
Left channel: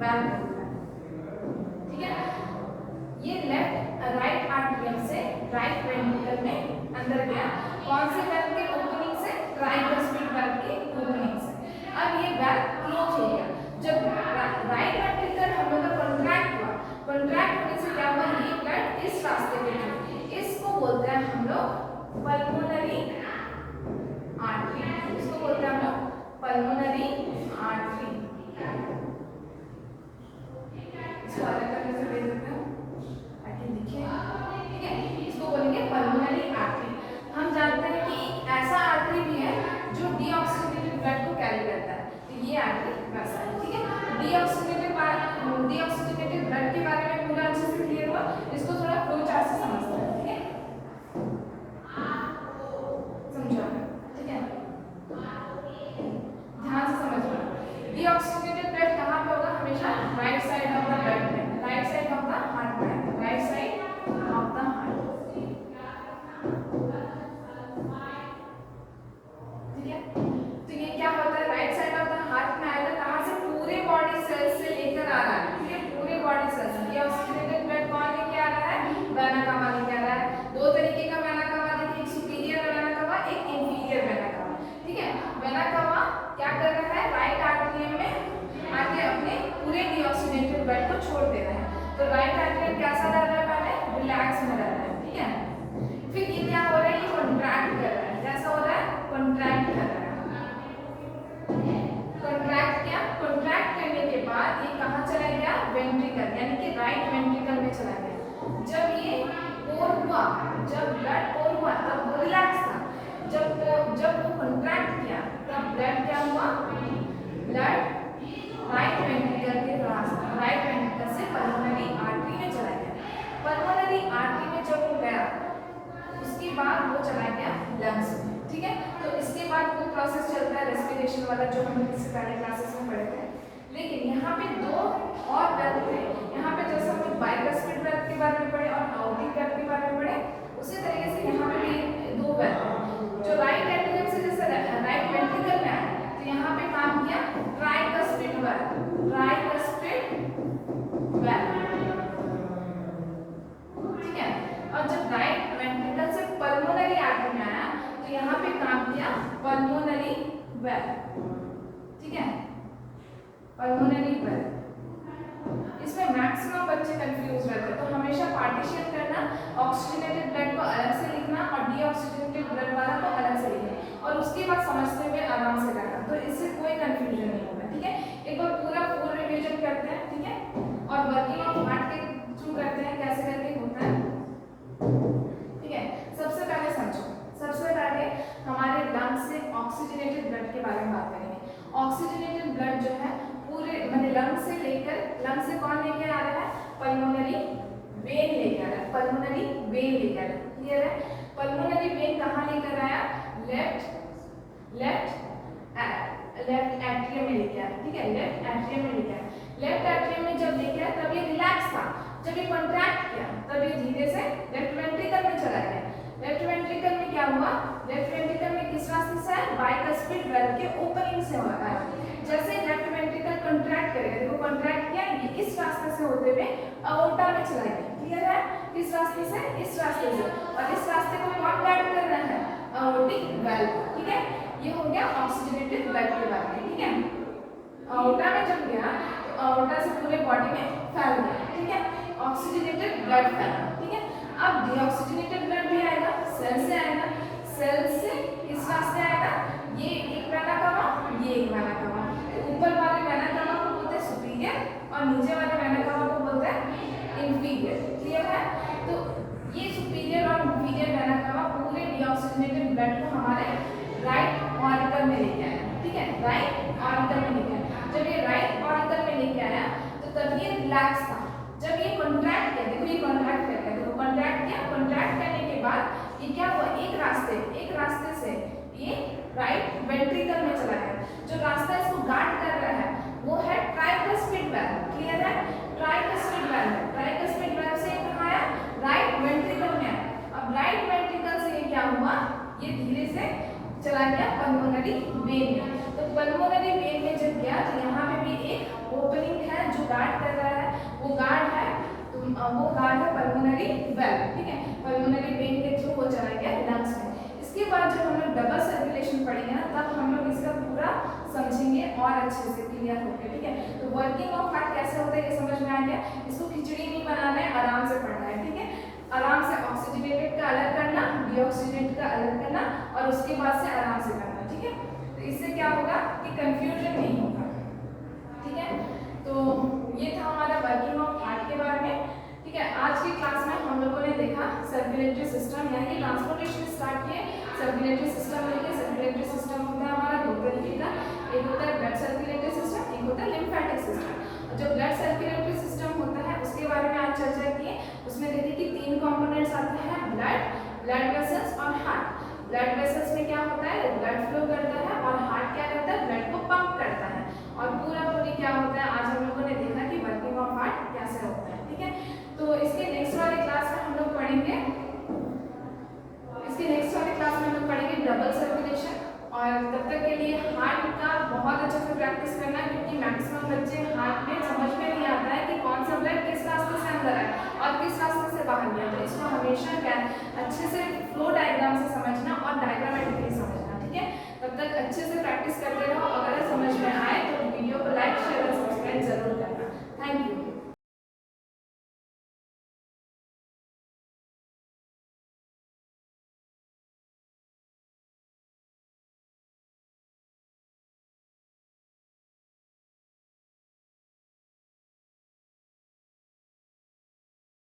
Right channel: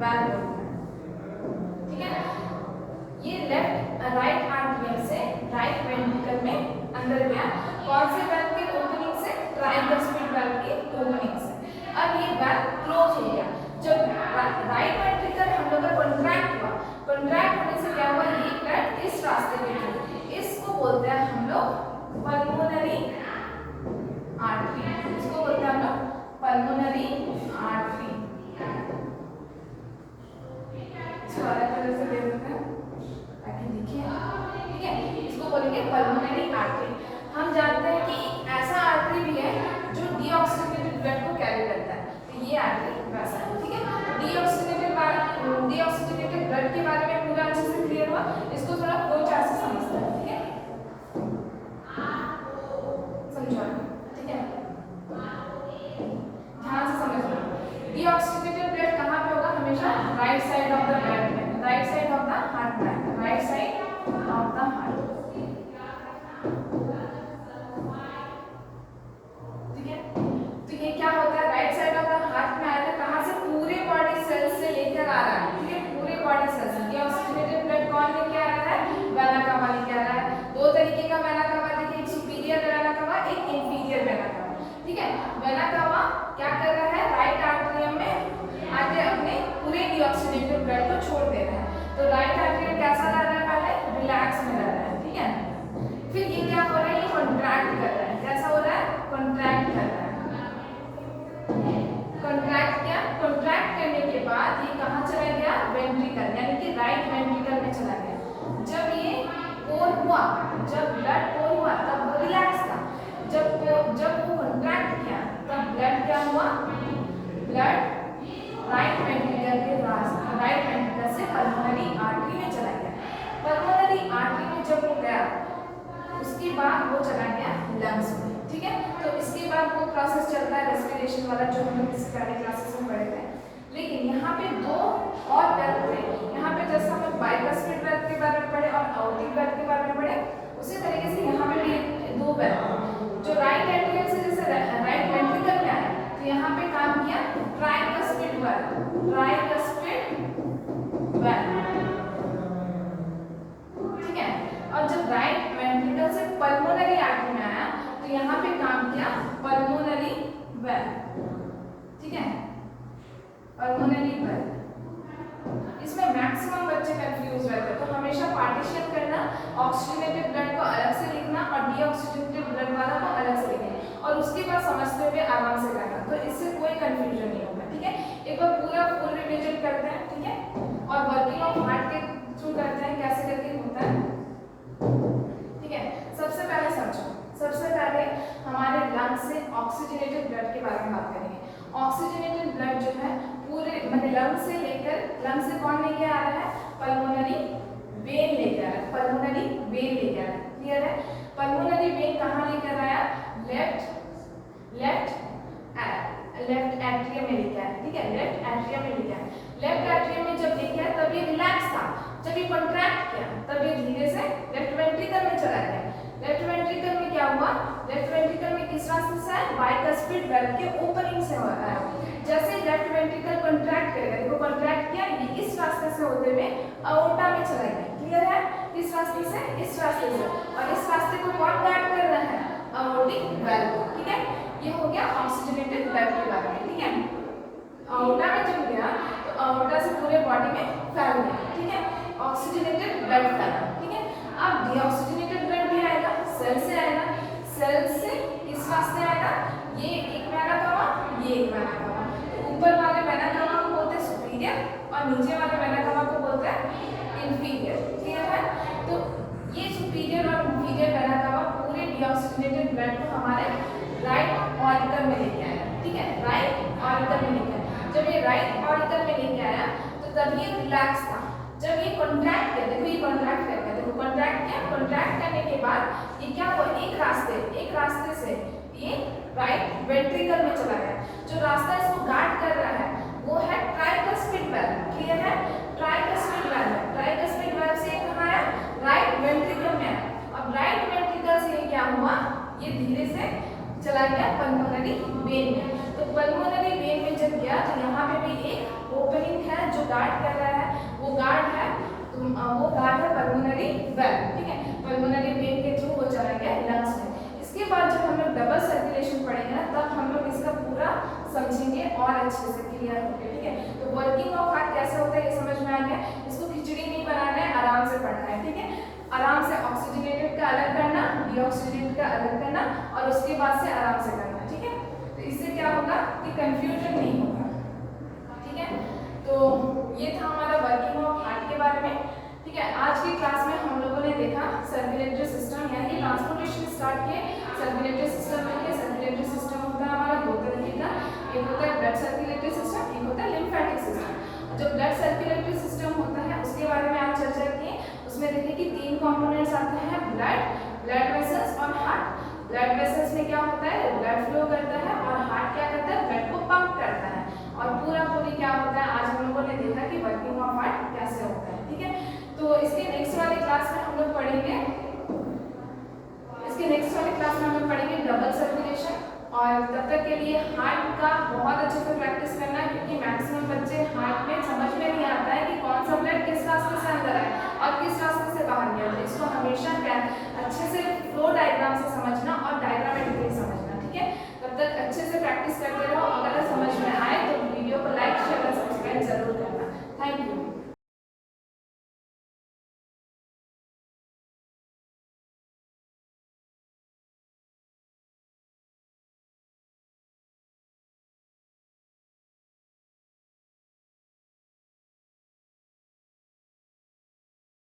वैल्व बोलते हैं। ठीक है, ये लेफ्ट राइट आर्टरियम से राइट वेंट्रिकल में अंदर गया। कौन से वैल्व के ओपनिंग से? ट्राइकस्पिड वैल्व की ओपनिंग से। अब ये वैल्व क्लोज हो गया। जब राइट वेंट्रिकल हम लोग का कॉन्ट्रैक्ट हुआ, कॉन्ट्रैक्ट होने से क्या हुआ? ये ब्लड इस रास्ते पे थी, इसको बोलते हैं हम लोग पल्मोनरी आर्टरी। इसको बोलते हैं हम लोग पल्मोनरी आर्टरी। इसको अलग तरह से दे देते हैं ताकि दिखे। ठीक है, इसको बोलेंगे पल्मोनरी आर्टरी। हम जानते हैं कि एक ऐसा आर्टरी भी है जो डीऑक्सीजनेटेड ब्लड को कैरी करता है, तो ये आर्टरी वैसा है। ठीक है, डीऑक्सीजनेटेड तो राइट एट्रियम कैसा रह रहा है, पहले रिलैक्स में रह रहा है, ठीक है। फिर ये क्या हो रहा है, ये कॉन्ट्रैक्ट कर रहा है, कैसा हो रहा है, कॉन्ट्रैक्ट कर रहा है। कॉन्ट्रैक्ट किया, कॉन्ट्रैक्ट करने के बाद ये कहाँ चला गया, वेंट्रिकल यानी कि राइट वेंट्रिकल में चला गया। जब ये पोर हुआ, जब ब्लड पोर हुआ तब वो रिलैक्स था, जब वो कॉन्ट्रैक्ट किया तब ब्लड क्या हुआ, ब्लड राइट वेंट्रिकल के रास्ते, राइट वेंट्रिकल से पल्मोनरी आर्टरी में चला गया। पल्मोनरी आर्टरी में जब वो गया उसके बाद वो चला गया लंग्स में, ठीक है। तो इसके बाद वो प्रोसेस चलता है रेस्पिरेशन वाला, जो हम लोग इससे पहले क्लासेस में पढ़े थे। लेकिन यहाँ पे दो और ब्रेथ थे, यहाँ पे जैसे हमने बाइकस्पिड ब्रेथ के बारे में पढ़े और आउटिंग ब्रेथ के बारे में पढ़े, उसी तरीके से यहाँ पे भी दो ब्रेथ जो राइट एट्रियम से जैसे राइट वेंट्रिकल में आए, तो यहाँ पे काम किया ट्राइकस्पिड वेल्व, ट्राइकस्पिड वेल्व, ठीक है। और जब राइट वेंट्रिकल से पल्मोनरी आर्टरी में आया तो यहाँ पे काम किया पल्मोनरी वेल्व, ठीक है, पल्मोनरी वेल्व। इसमें मैक्सिमम बच्चे कंफ्यूज रहते हैं, तो हमेशा पार्टीशन करना, ऑक्सीजनेटेड ब्लड को अलग से लिखना और डीऑक्सीजनेटेड ब्लड वाला को अलग से लिखना, और उसके बाद समझते हुए आराम से करना, तो इससे कोई कंफ्यूजन नहीं होगा, ठीक है। एक बार पूरा फुल रिवीजन करते हैं, ठीक है, और वर्किंग ऑफ हार्ट के थ्रू करते हैं, कैसे करके होता है, ठीक है। सबसे पहले समझो, सबसे पहले हमारे लंग से ऑक्सीजनेटेड ब्लड के बारे में बात करेंगे। ऑक्सीजनेटेड ब्लड जो है पूरे मतलब लंग से लेकर, लंग से कौन लेके आ रहा है, पल्मोनरी वेन लेके आ रहा है, पल्मोनरी वेन लेके आ रहा है, क्लियर है। पल्मोनरी वेन कहाँ लेकर आया, लेफ्ट एट्रियम में लेके आया, ठीक है, लेफ्ट एट्रियम में लेके आया। लेफ्ट एट्रियम में जब लेके आया तब ये रिलैक्स था, जब ये कॉन्ट्रैक्ट किया तब ये धीरे से लेफ्ट वेंट्रिकल में चला गया। लेफ्ट वेंट्रिकल में क्या हुआ, लेफ्ट वेंट्रिकल में किस रास्ते से है, बाइकस्पिड वेल्व के ओपनिंग से हो रहा है। जैसे लेफ्ट वेंट्रिकल कॉन्ट्रैक्ट करेगा, देखो कॉन्ट्रैक्ट किया, ये इस रास्ते से होते हुए अओर्टा में चला गया, क्लियर है। इस रास्ते से, इस रास्ते से, और इस रास्ते को कौन गार्ड कर रहा है, अओर्टिक वेल्व, ठीक है। ये हो गया ऑक्सीजनेटेड ब्लड के बारे में, ठीक है। अओर्टा में जब गया तो अओर्टा से पूरे बॉडी में फैल गया, ठीक है, ऑक्सीजनेटेड ब्लड फैला, ठीक है। अब डीऑक्सीजनेटेड ब्लड भी आएगा, सेल से आएगा, सेल से इस रास्ते आएगा, ये एक वेना कवा, ये एक वेना कवा, ऊपर वाले वेना कवा को बोलते हैं सुपीरियर और नीचे वाले वेना कवा को बोलते हैं इंफीरियर, क्लियर है। तो ये सुपीरियर और इंफीरियर वेना कवा पूरे डीऑक्सीजनेटेड ब्लड को हमारे राइट ऑरिकल में लेके आया, ठीक है, राइट ऑरिकल में लेके आया। जब ये राइट ऑरिकल में लेके आया तो तब ये रिलैक्स था। जब ये कॉन्ट्रैक्ट किया, देखो ये कॉन्ट्रैक्ट करके, देखो कॉन्ट्रैक्ट किया, कॉन्ट्रैक्ट करने के बाद ये क्या हुआ, एक रास्ते से ये राइट वेंट्रिकल में चला गया। जो रास्ता इसको गार्ड कर रहा है वो है ट्राइकस्पिड वेल्व, क्लियर है, ट्राइकस्पिड वेल्व है। ट्राइकस्पिड वेल्व से कहाँ आया, राइट वेंट्रिकल में आया। अब राइट वेंट्रिकल से ये क्या हुआ, ये धीरे से चला गया पल्मोनरी वेन में। तो पल्मोनरी वेन में जब गया तो यहाँ पे भी एक ओपनिंग है जो गार्ड कर रहा है, वो गार्ड है पल्मोनरी वेल्व, ठीक है। पल्मोनरी वेन के थ्रू वो चला गया लंग्स में। इसके बाद जब हम लोग डबल सर्कुलेशन पढ़ेंगे ना तब हम लोग इसका पूरा समझेंगे और अच्छे से क्लियर होंगे, ठीक है। तो वर्किंग ऑफ हार्ट कैसे होता है ये समझ में आ गया। इसको खिचड़ी नहीं बनाना है, आराम से पढ़ना है, ठीक है। आराम से ऑक्सीजनेटेड का अलग करना, डीऑक्सीजनेटेड का अलग करना और उसके बाद से आराम से करना, ठीक है। तो इससे क्या होगा कि कंफ्यूजन नहीं होगा, ठीक है। तो ये था हमारा वर्किंग ऑफ हार्ट के बारे में, ठीक है। आज की क्लास में हम लोगों ने देखा सर्कुलेटरी सिस्टम, यानी ट्रांसपोर्टेशन स्टार्ट किए सर्कुलेटरी सिस्टम में। सर्कुलेटरी सिस्टम होता है हमारा दो तरीके का, एक होता है ब्लड सर्कुलेटरी सिस्टम, एक होता है लिम्फेटिक सिस्टम। जो ब्लड सर्कुलेटरी सिस्टम होता है उसके बारे में आज चर्चा किए। उसमें देखिए कि तीन कंपोनेंट्स आते हैं, ब्लड वेसल्स और हार्ट। ब्लड वेसल्स में क्या होता है, ब्लड फ्लो करता है, और हार्ट क्या करता है, ब्लड को पंप करता है। और पूरी क्या होता है, आज हम लोगों ने देखा कि वर्किंग ऑफ हार्ट कैसे होता है, ठीक है। तो इसके नेक्स्ट वाली क्लास में हम लोग पढ़ेंगे, इसके नेक्स्ट वाली क्लास में हम लोग पढ़ेंगे डबल सर्कुलेशन। और तब तक के लिए हार्ट का बहुत अच्छे से प्रैक्टिस करना है, क्योंकि मैक्सिमम बच्चे हार्ट में समझ में नहीं आता है कि कौन सा